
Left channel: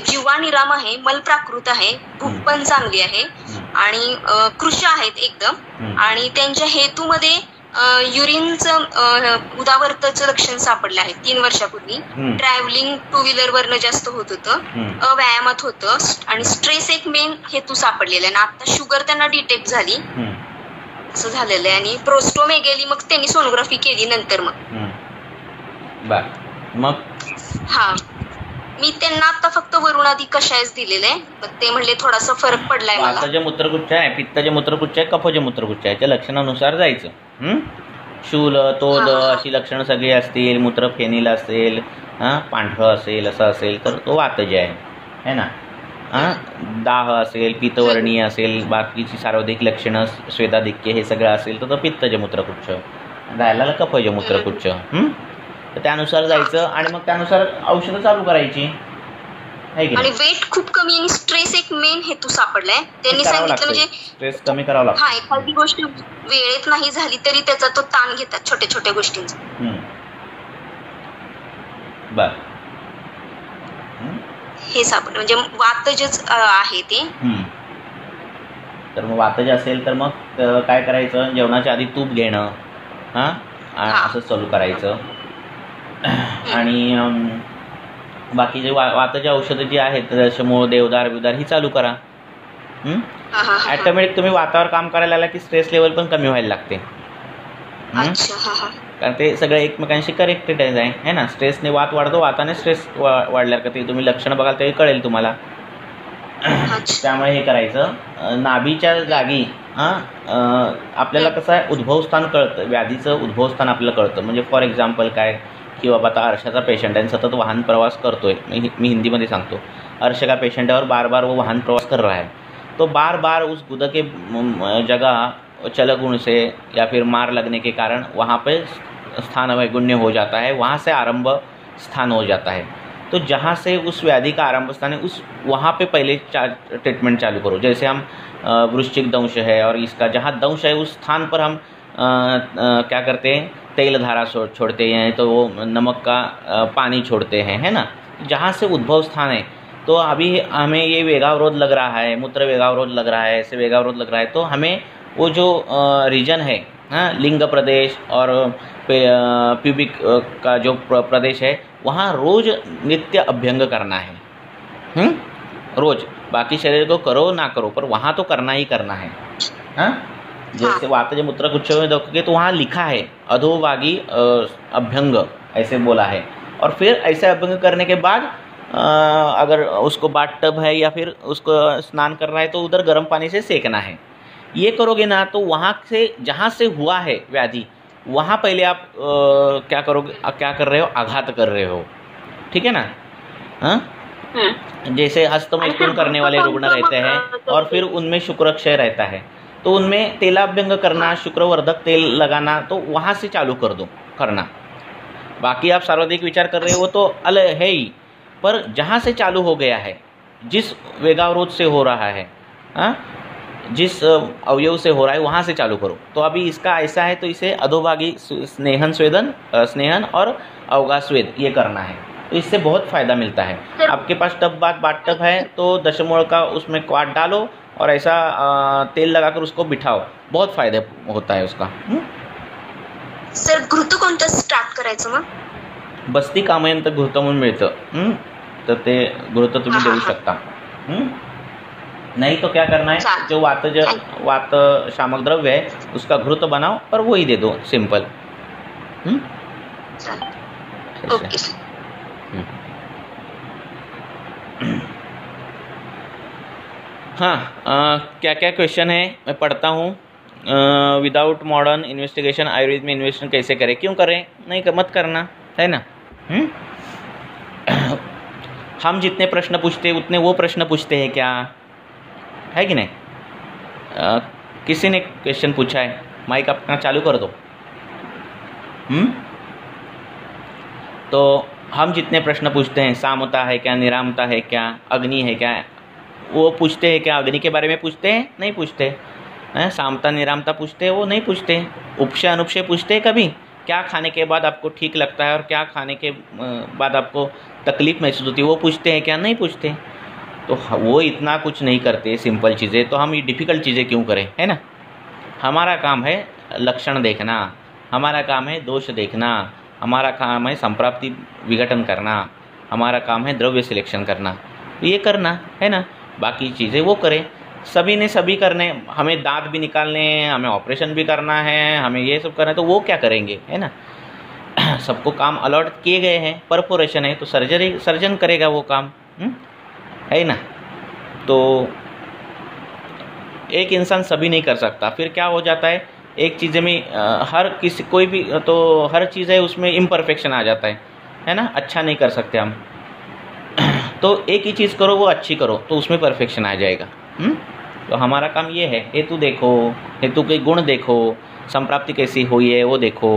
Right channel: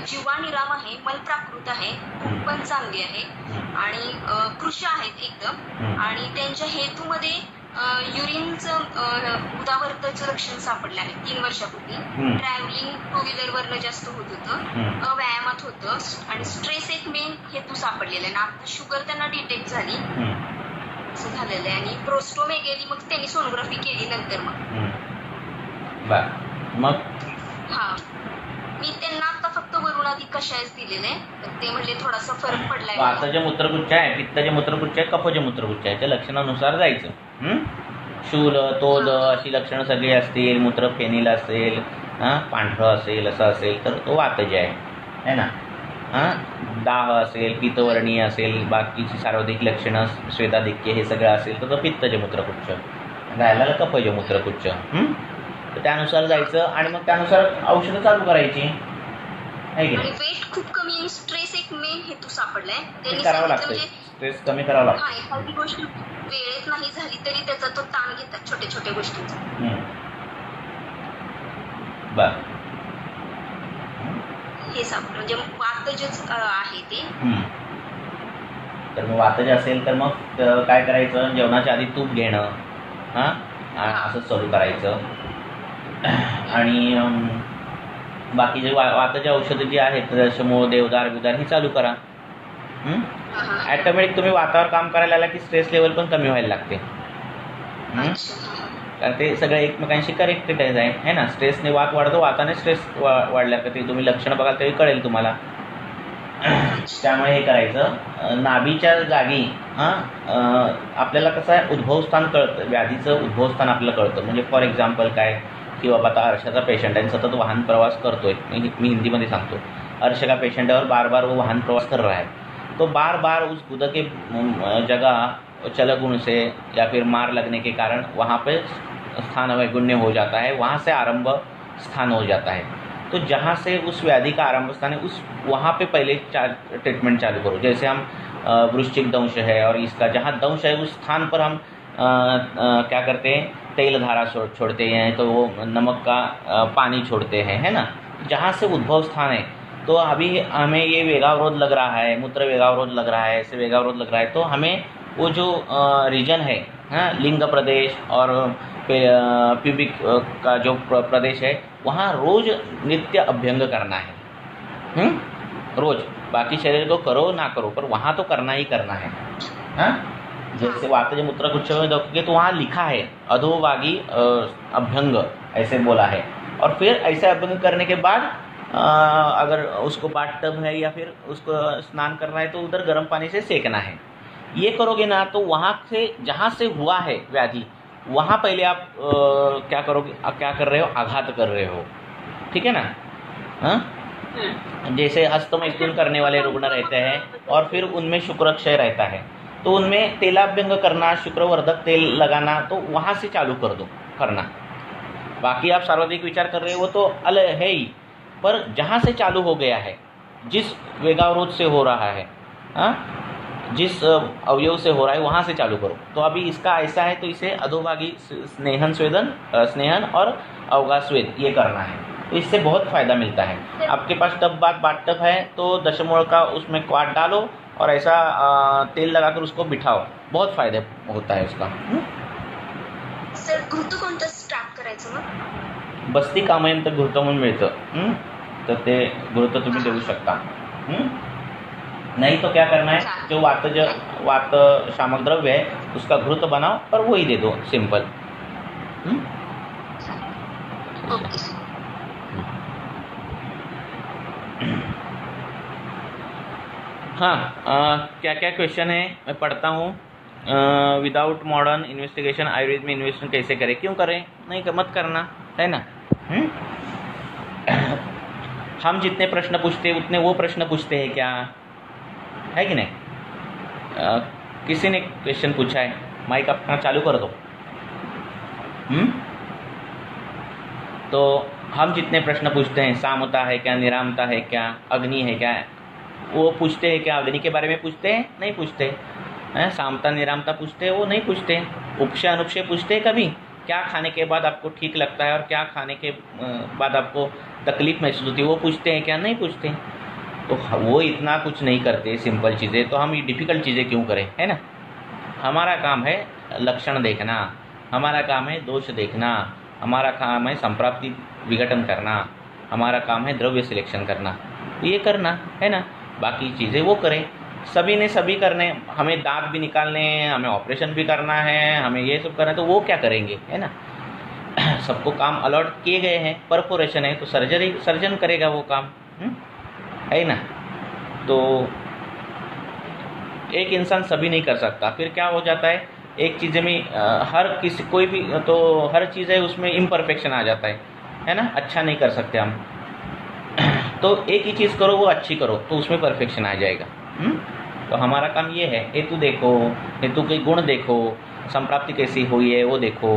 जीवा निराम आहे, मलप्राकृत आहे, भूक पण चांगली आहे आणि कृश आहेत एकदम, आणि त्यांच्या हेतूमध्ये युरिनचं उदावर्ताचं लक्षण सापडलं आहे 3 वर्षापूर्वी, ट्रॅव्हलिंग 2 व्हीलर वरनं जास्त होत होतं, व्यायामात होतं, आणि स्ट्रेस एक मेन हेतू सापडलेला आहे, आणि आता शुगर त्यांना डिटेक्ट झाली असं झालेलं आहे, आणि प्रोस्टोमेगॅली मग त्यांनी सोनोग्राफी केली नंतर मग हा मी त्यांना आता फक्त वरुणादी कषायच दिलेले आहे, तर ते म्हणले थोडासा फरक पडलाय मला। वाताचे मूत्रगुच्छ आहे, पित्ताचे मूत्रगुच्छ आहे, कफाचे मूत्रगुच्छ आहे, त्या लक्षणानुसार जायचं। शूल, तोल अशी लक्षणं सगळी असतील, मूत्र फेनील असेल, पांढरं असेल, असं असेल तर तो वातज आहे ना, दाह असेल, पित्तवर्णीय असेल, बाकीची सार्वधिक लक्षणं, श्वेताधिक्य हे सगळं असेल तर तो पित्ताचे मूत्रगुच्छ, राहिला कफाचे मूत्रगुच्छ, तर त्यानुसार जायचं आणि मग त्यानुसार औषधं चालू करायची। आणि वेट खूप कमी आणि स्ट्रेस एक मेन हेतू सापडलाय, त्यांनी सांगितलं म्हणजे स्ट्रेस कमी करावा लागतो। हा एखादी गोष्ट वेळेत नाही झाली तरी त्याचा तो ताण घेतात छोट्या छोट्या गोष्टींचा, हे सापडलं म्हणजे वातजच आहे ते। तर मग वातज असेल तर मग काय करायचं, जेवणाच्या आधी तूप घेणं, असं चालू करायचं. आणि बाकीचे वाताची औषधं जी आहेत रसमूळ, देवदार बिवदार ही चालू करा. ॲटोमॅटिक तुम्ही वातावर काम करायला आला की स्ट्रेस लेवल पण कमी व्हायला लागते. कारण ते सगळं एकमेकांशी कनेक्टेड आहे ना. स्ट्रेसने वात वाढतो, वाताने स्ट्रेस वाढल्यावर का ते तुम्ही लक्षणं बघाल तेही कळेल तुम्हाला. त्यामुळे हे करायचं. नाभीच्या जागी आपल्याला कसं आहे उद्भवस्थान कळतं, व्याधीचं उद्भवस्थान आपल्याला कळतं. म्हणजे फॉर एक्झाम्पल काय की बाबा आता अर्शाचा पेशंट आहे, सतत वाहन प्रवास करतोय, मी हिंदीमध्ये सांगतो. अर्श का पेशेंट है और बार बार वो वाहन प्रवास कर रहा है, तो बार बार उस गुदा के जगह चलगुण से या फिर मार लगने के कारण वहाँ पे स्थान वैगुण्य हो जाता है, वहाँ से आरंभ स्थान हो जाता है. तो जहाँ से उस व्याधि का आरंभ स्थान है उस वहाँ पे पहले ट्रीटमेंट चालू करो. जैसे हम वृश्चिक दंश है और इसका जहाँ दंश है उस स्थान पर हम क्या करते हैं, तेल धारा छोड़ते हैं, तो वो नमक का पानी छोड़ते हैं, है ना. जहाँ से उद्भव स्थान है, तो अभी हमें ये वेगावरोध लग रहा है, मूत्र वेगावरोध लग रहा है, ऐसे वेगावरोध लग रहा है, तो हमें वो जो रीजन है लिंग प्रदेश और प्यूबिक का जो प्रदेश है वहाँ रोज नित्य अभ्यंग करना है. रोज. बाकी शरीर को करो ना करो पर वहाँ तो करना ही करना है. जैसे वातज मूत्र कुछ में देखोगे तो वहाँ लिखा है अधोभागी अभ्यंग ऐसे बोला है. और फिर ऐसे अभ्यंग करने के बाद अगर उसको बाथ टब है या फिर उसको स्नान करना है तो उधर गर्म पानी से सेकना है. ये करोगे ना तो वहाँ से जहाँ से हुआ है व्याधि वहाँ पहले आप क्या करोगे, क्या कर रहे हो, आघात कर रहे हो. ठीक है ना. जैसे हस्तमैथुन करने वाले रुग्ण रहते हैं और फिर उनमें शुक्रक्षय रहता है, तो उनमें तेलाभ्यंग करना, शुक्रवर्धक तेल लगाना, तो वहाँ से चालू कर दो करना. बाकी आप सर्वाधिक विचार कर रहे हो तो अलग है ही, पर जहाँ से चालू हो गया है, जिस वेगावरोध से हो रहा है, जिस अवयव से हो रहा है वहाँ से चालू करो. तो अभी इसका ऐसा है तो इसे अधोभागी स्नेहन और अवगास्वेद ये करना है. तो इससे बहुत फ़ायदा मिलता है. आपके पास बाथ टब है तो दशमूल का उसमें क्वाट डालो और ऐसा तेल लगाकर उसको बिठाओ, बहुत फायदा होता है उसका. सर घृत कोणतं स्टार्ट करायचं मग? बस्ती कामयंत घृत म्हणून मिळतं, तर ते घृत तुम्ही देऊ शकता. नहीं तो क्या करना है, जो वात शामक द्रव्य है उसका घृत बनाओ और वही दे दो, सिंपल. ओके. हाँ, क्या क्या क्वेश्चन है मैं पढ़ता हूँ. विदाउट मॉडर्न इन्वेस्टिगेशन आयुर्वेद में इन्वेस्टिगेशन कैसे करें, क्यों करें, नहीं मत करना है ना. हम जितने प्रश्न पूछते हैं उतने वो प्रश्न पूछते हैं क्या, है कि नहीं. किसी ने क्वेश्चन पूछा है, माइक अपना चालू कर दो. तो हम जितने प्रश्न पूछते हैं, सामता है क्या, निरामता है क्या, अग्नि है क्या, वो पूछते हैं क्या. अग्नि के बारे में पूछते हैं, नहीं पूछते. सामता निरामता पूछते हैं, वो नहीं पूछते. उपशय अनुपशय पूछते हैं कभी, क्या खाने के बाद आपको ठीक लगता है और क्या खाने के बाद आपको तकलीफ महसूस होती है, वो पूछते हैं क्या, नहीं पूछते. तो वो इतना कुछ नहीं करते, सिंपल चीज़ें, तो हम ये डिफ़िकल्ट चीज़ें क्यों करें, है ना. हमारा काम है लक्षण देखना, हमारा काम है दोष देखना, हमारा काम है संप्राप्ति विघटन करना, हमारा काम है द्रव्य सिलेक्शन करना, ये करना है ना. बाकी चीज़ें वो करें. सभी ने सभी करने, हमें दांत भी निकालने हैं, हमें ऑपरेशन भी करना है, हमें ये सब करना है, तो वो क्या करेंगे, है ना. सबको काम अलॉट किए गए हैं, परफोरेशन है तो सर्जन करेगा वो काम, है ना. तो एक इंसान सभी नहीं कर सकता. फिर क्या हो जाता है, एक चीज़ में हर किसी कोई भी तो हर चीज़ है उसमें इम्परफेक्शन आ जाता है ना. अच्छा नहीं कर सकते हम. तो एक ही चीज़ करो, वो अच्छी करो, तो उसमें परफेक्शन आ जाएगा. तो हमारा काम ये है, हेतु देखो, हेतु के गुण देखो, संप्राप्ति कैसी हुई है वो देखो,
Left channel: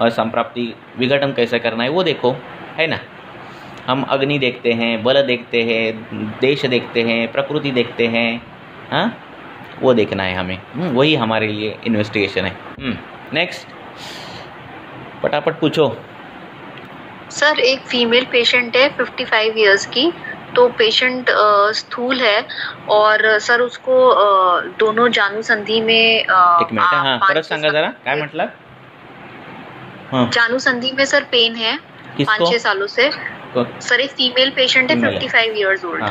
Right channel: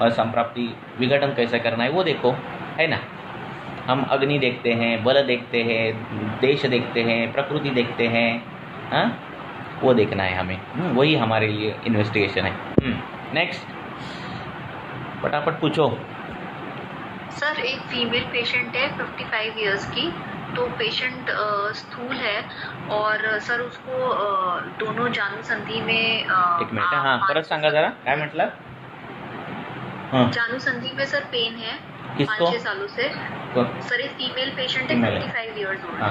और संप्राप्ति विघटन कैसे करना है वो देखो, है ना. हम अग्नि देखते हैं, बल देखते हैं, देश देखते हैं, प्रकृति देखते हैं, हाँ वो देखना है हमें. वही हमारे लिए इन्वेस्टिगेशन है. नेक्स्ट फटाफट पूछो. सर एक फीमेल पेशेंट है 55 इयर्स की, तो पेशेंट स्थूल है और सर उसको दोनों जानु संधि में एक मिनिट, हाँ परत सांगा जरा, काय म्हटलं. जानू संधि में सर पेन है 5-6 सालों से। सर एक फीमेल पेशेंट है 55 इयर्स ओल्ड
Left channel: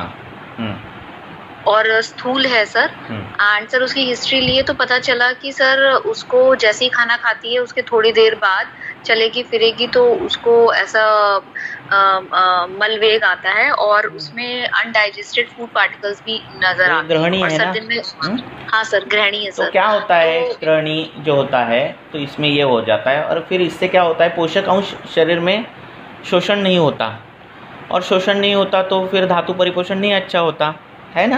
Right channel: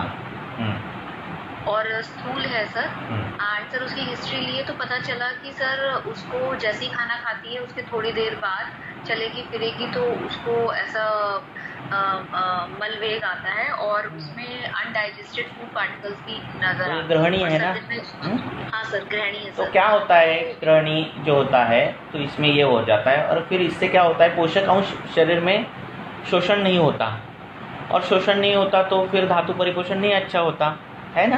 और स्थूल है सर। एंड सर उसकी हिस्ट्री लिए तो पता चला कि सर उसको जैसे ही खाना खाती है उसके थोड़ी देर बाद चलेगी फिरेगी तो उसको ऐसा मलवेग आता है और उसमें अनडाइजेस्टेड फूड पार्टिकल्स भी नजर आते हैं। और सर दिन में हाँ सर ग्रहणी है सर। तो क्या होता है ग्रहणी जो होता है तो इसमें ये हो जाता है और फिर इससे क्या होता है पोषक अंश शरीर में शोषण नहीं होता और शोषण नहीं होता तो फिर धातु परिपोषण नहीं अच्छा होता है ना।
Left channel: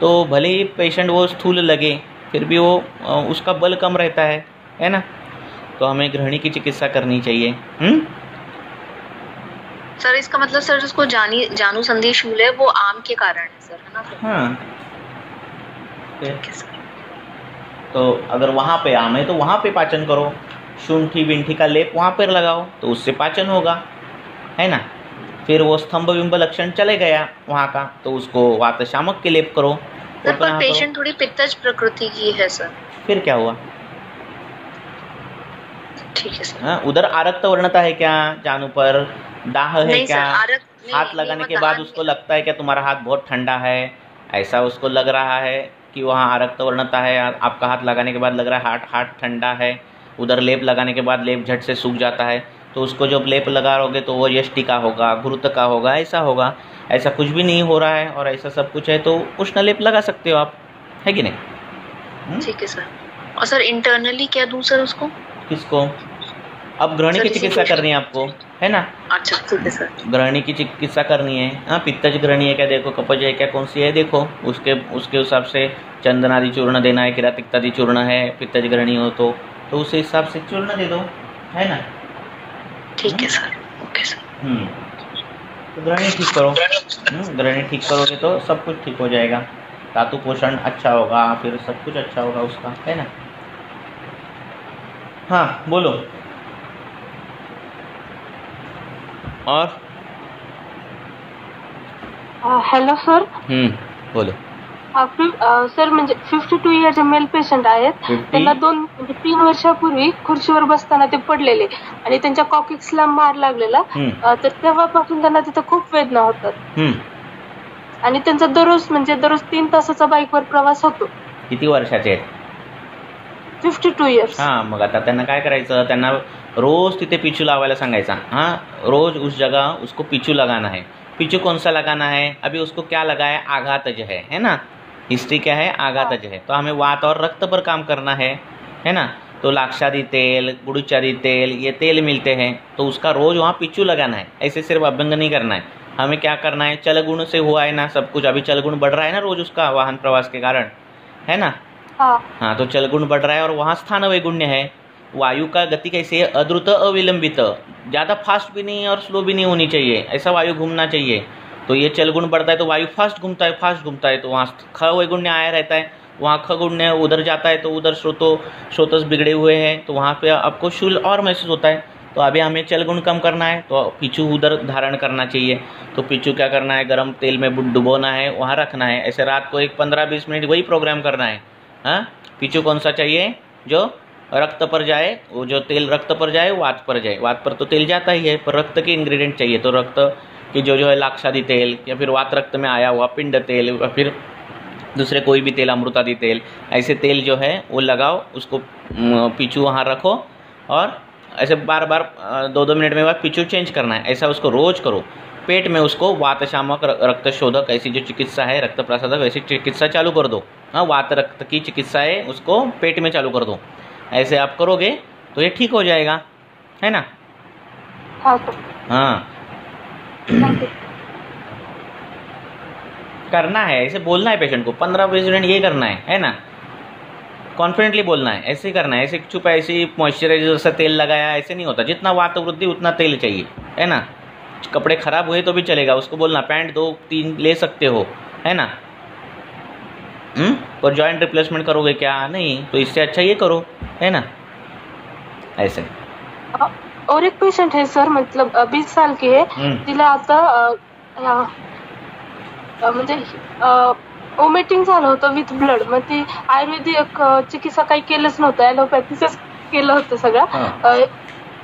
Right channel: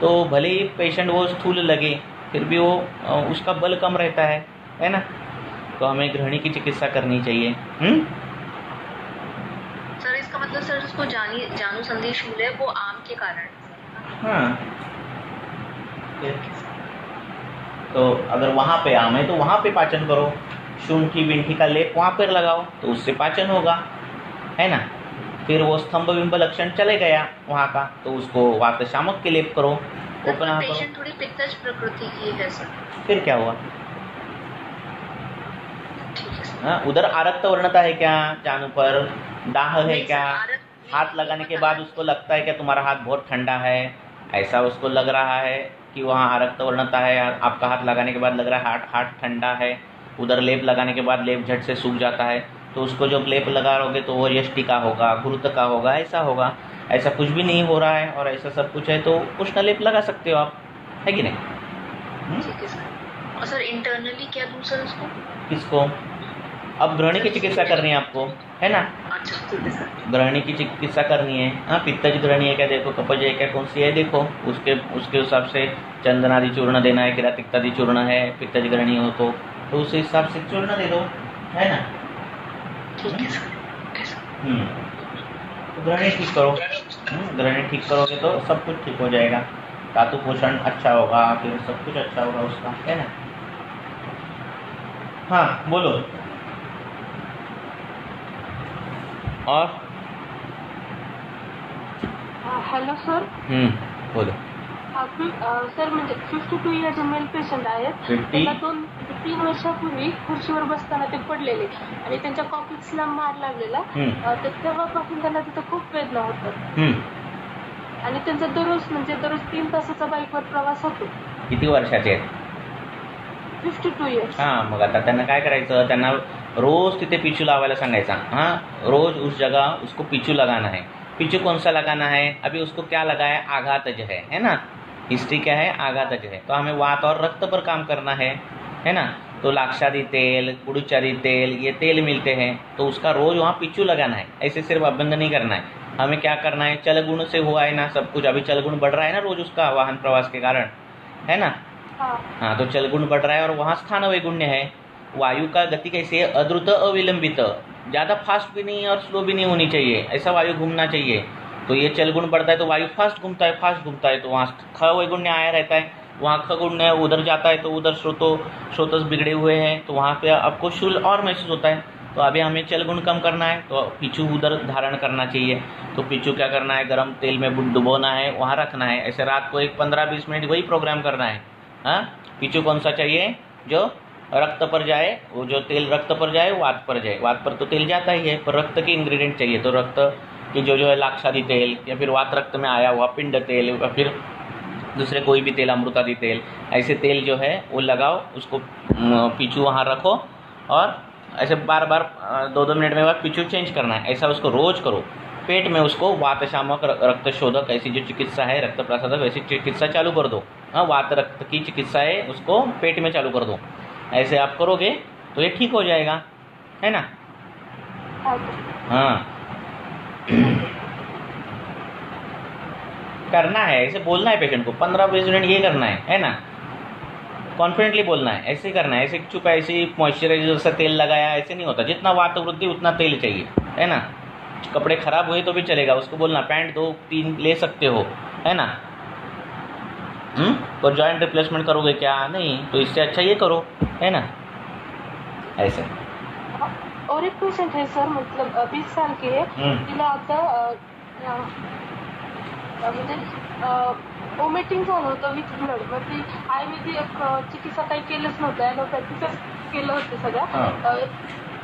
तो भले ही पेशेंट वो स्थूल लगे फिर भी वो उसका बल कम रहता है ना। तो हमें ग्रहणी की चिकित्सा करनी चाहिए। सर इसका मतलब सर जिसको जानू संधि शूल है वो आम के कारण है सर, है ना। हाँ तो अगर वहाँ पे आम है तो वहाँ पे पाचन करो, शुंठी बिंठी का लेप वहाँ पर लगाओ तो उससे पाचन होगा, है ना। फिर वो स्तंभ बिंब लक्षण चले गया वहाँ का तो उसको वात शामक के लेप करो। सर पर पेशेंट थोड़ी पित्तज प्रकृति की है सर। फिर क्या हुआ? ठीक है सर। उधर आरक्त वर्णता है क्या जानू पर? दाह है क्या? हाथ लगाने के बाद उसको लगता है क्या तुम्हारा हाथ बहुत ठंडा है, ऐसा उसको लग रहा है कि वहाँ आरक्त वर्णता है। आपका हाथ लगाने के बाद लग रहा है हाथ ठंडा है। उधर लेप लगाने के बाद लेप झट से सूख जाता है तो उसको जब लेप लगाओगे तो वो यष्टि का होगा, घृत का होगा, ऐसा होगा। ऐसा कुछ भी नहीं हो रहा है और ऐसा सब कुछ है तो उष्ण लेप लगा सकते हो आप, है कि नहीं? ठीक है सर। और सर इंटरनली क्या दूं सर उसको? किसको? अब ग्रहणी की चिकित्सा करनी है आपको, है ना। अच्छा ठीक है सर। ग्रहणी की चिकित्सा करनी है। हाँ पित्तज ग्रहणी है क्या देखो, कपज है क्या, कौन सी है देखो, उसके हिसाब से चंदनादि चूर्ण देना है, किरातिक्तादि चूर्ण है, पित्तज ग्रहणी हो तो उस हिसाब से चूर्ण दे दो, है ना। ठीक है सर। Okay sir. तो ग्रहणी ठीक करो। ग्रहणी ठीक करोगे तो सब कुछ ठीक हो जाएगा, धातु पोषण अच्छा होगा, फिर सब कुछ अच्छा होगा उसका, है ना। हाँ बोलो। और हॅलो सर. बोलो. सर म्हणजे 52 इयर्स मेल पेशंट आहेत. त्याला 3 वर्षापूर्वी खुर्चीवर बसताना ते पडलेले आणि त्यांच्या कॉकिक्सला मार लागलेला. तर तेव्हापासून त्यांना तिथं खूप वेदना होतात आणि त्यांचा दररोज 3 तासाचा बाईकवर प्रवास होतो. किती वर्षाचे आहेत? 52 इयर्स. हाँ मग आता त्यांना काय करायचं, त्यांना रोज तिथे पिचू लावायला सांगायचा. हाँ रोज उस जगह उसको पिचू लगाना है. पिचू कौन सा लगाना है? अभी उसको क्या लगा है? आघातज है ना। हिस्ट्री क्या है? आघातज है। तो हमें वात और रक्त पर काम करना है ना। तो लाक्षादी तेल, गुड़ुचारी तेल, ये तेल मिलते हैं तो उसका रोज वहाँ पिचू लगाना है। ऐसे सिर्फ अभ्यंग नहीं करना है, हमें क्या करना है, चलगुण से हुआ है ना सब कुछ। अभी चलगुण बढ़ रहा है ना रोज उसका वाहन प्रवास के कारण, है ना। हाँ तो चलगुण बढ़ रहा है और वहाँ स्थान वैगुण्य है। वायु का गति कैसी है? अद्रुत अविलंबित, ज़्यादा फास्ट भी नहीं और स्लो भी नहीं होनी चाहिए, ऐसा वायु घूमना चाहिए। तो ये चलगुण बढ़ता है तो वायु फास्ट घूमता है तो वहाँ ख वैगुण्य आया रहता है। वहाँ ख गुण्य उधर जाता है तो उधर श्रोतस बिगड़े हुए हैं तो वहाँ पे आपको शूल और महसूस होता है। तो अभी हमें चलगुण कम करना है तो पिचू उधर धारण करना चाहिए। तो पिचू क्या करना है, गर्म तेल में डुबोना है, वहाँ रखना है। ऐसे रात को एक 15-20 मिनट वही प्रोग्राम करना है। हाँ पिचू कौन सा चाहिए? जो रक्त पर जाए, वो जो तेल रक्त पर जाए वात पर जाए। वात पर तो तेल जाता ही है पर रक्त के इंग्रेडिएंट चाहिए। तो रक्त की जो है लाक्षादी तेल या फिर वात रक्त में आया हुआ पिंड तेल या फिर दूसरे कोई भी तेल, अमृतादि तेल, ऐसे तेल जो है वो लगाओ, उसको पिचू वहाँ रखो और ऐसे बार बार 2-2 मिनट में बाद पिचू चेंज करना है। ऐसा उसको रोज करो। पेट में उसको वात शामक, रक्त शोधक ऐसी जो चिकित्सा है, रक्त प्रसादक ऐसी चिकित्सा चालू कर दो। हाँ वात रक्त की चिकित्सा है उसको पेट में चालू कर दो। ऐसे आप करोगे तो ये ठीक हो जाएगा, है ना। हाँ करना है, ऐसे बोलना है पेशेंट को 15-20 मिनट ये करना है ना। कॉन्फिडेंटली बोलना है, ऐसे करना है। ऐसे चुप ऐसे मॉइस्चराइजर से तेल लगाया ऐसे नहीं होता। जितना वात वृद्धि उतना तेल चाहिए, है ना। कपड़े खराब हुए तो भी चलेगा, उसको बोलना पैंट 2-3 ले सकते हो, है ना। और जॉइंट रिप्लेसमेंट करोगे क्या? नहीं, तो इससे अच्छा ये करो, है ना। ऐसे और एक पेशंट है सर, मतलब 20 साल की है. तिला आता म्हणजे ओमेटिंग झालं होतं विथ ब्लड. मग ती आयुर्वेदिक चिकित्सा काही केलंच नव्हतं, ॲलोपॅथीच केलं होतं सगळं.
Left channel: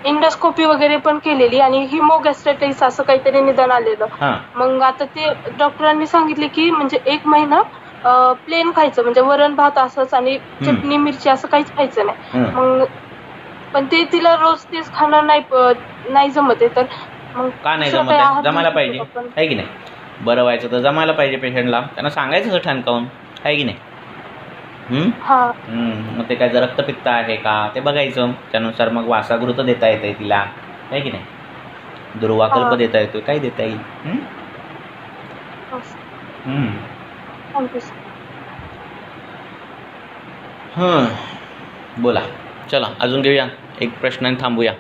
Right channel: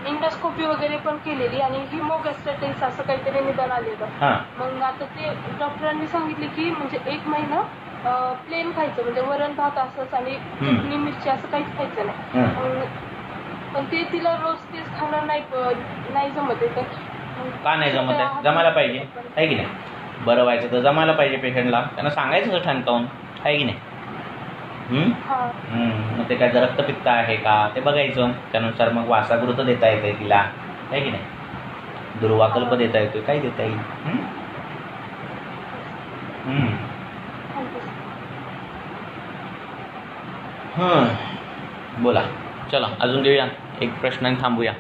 इंडोस्कोपी वगैरे पण केलेली आणि हिमोगॅस्ट्रायटिस असं काहीतरी निदान आलेलं. मग आता ते डॉक्टरांनी सांगितले की म्हणजे 1 महिना प्लेन खायचं, म्हणजे वरण भात असंच आणि चटणी मिरची असं काहीच खायचं नाही. मग पण ते तिला रोज तेच खाणं नाही जमत आहे. तर मग का नाही जमत? जमायला पाहिजे आहे की नाही? बरं व्हायचं तर जमायला पाहिजे पेशंटला, त्यांना सांगायचं ठणकावून, आहे की नाही? मग ते काय जर रक्तपित्त आहे का ते बघायचं, त्यानुसार मग वासागृत देता येते तिला, आहे की नाही? दुर्वाकल्प देता येतो, काही देता येईल. बोला. चला अजून घेऊया एक प्रश्न आणि थांबूया.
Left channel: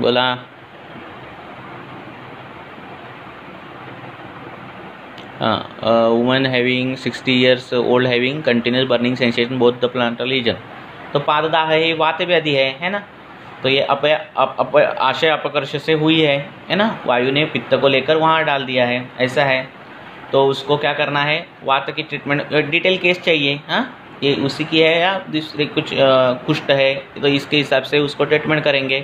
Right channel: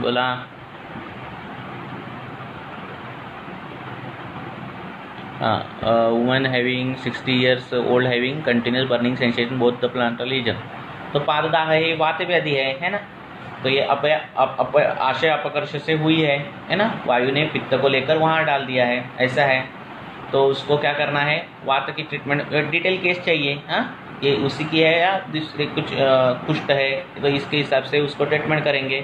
बोला. Woman having 60 years old having continuous burning sensation both the plantar region. तो पाददाह है, ये वात व्याधि है ना? तो ये आशय अपकर्ष से हुई है ना? वायु ने पित्त को लेकर वहाँ डाल दिया है, ऐसा है. तो उसको क्या करना है, वात की ट्रीटमेंट, डिटेल केस चाहिए. हाँ, ये उसी की है या दूसरे कुछ कुष्ठ है, तो इसके हिसाब से उसको ट्रीटमेंट करेंगे.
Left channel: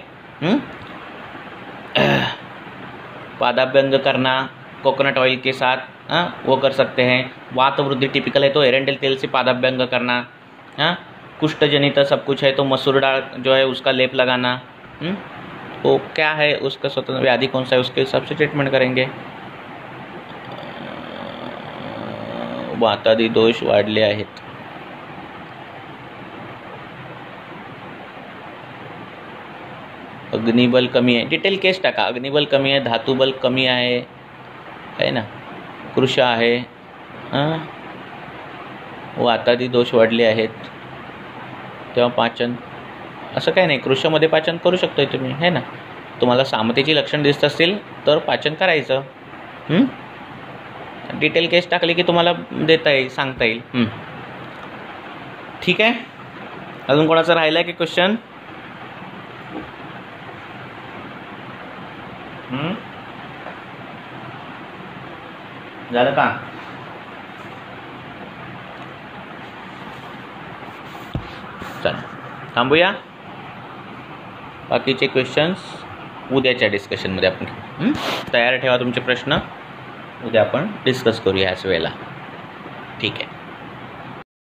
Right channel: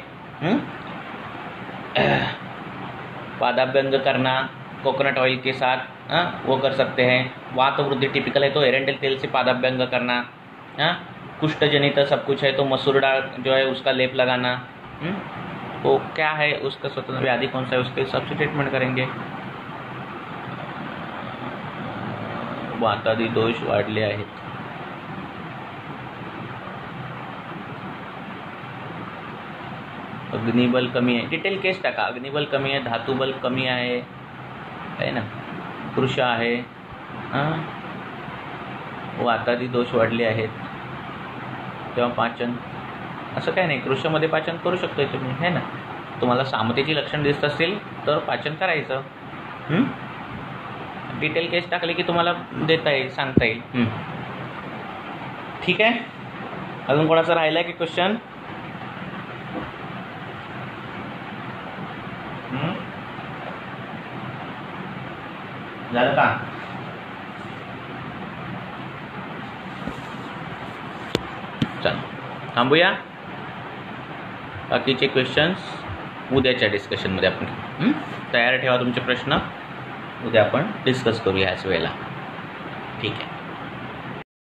पादाभ्यंग करना कोकोनट ऑयल के साथ, वो कर सकते हैं. वात वृद्धि टिपिकल है तो एरेंडल तेल से पादाभ्यंग करना. कुष्ठ जनित सब कुछ है तो मसूर दाल जो है उसका लेप लगाना. तो क्या है उसका स्वतंत्र व्याधि कौन सा है उसके हिसाब से ट्रीटमेंट करेंगे. वातादी दोष वाढले आहेत. अग्निबल कमी आहे, डिटेल केस टाका. अग्निबल कमी आहे, धातुबल कमी आहे ना, कृश आहे, वातादी दोष वाढले आहेत, तेव्हा पाचन असं काही नाही. कृशमध्ये पाचन करू शकतोय तुम्ही, है ना. तुम्हाला सामतेची लक्षण दिसत असतील तर पाचन करायचं. डिटेल केस टाकली की तुम्हाला देता येईल, सांगता येईल. ठीक आहे. अजून कोणाचा राहिला की क्वेश्चन? झालं का? चल थांबूया. बाकीचे क्वेश्चन्स उद्याच्या डिस्कशनमध्ये आपण तयार ठेवा तुमचे प्रश्न, उद्या आपण डिस्कस करूया याच वेळेला. ठीक आहे.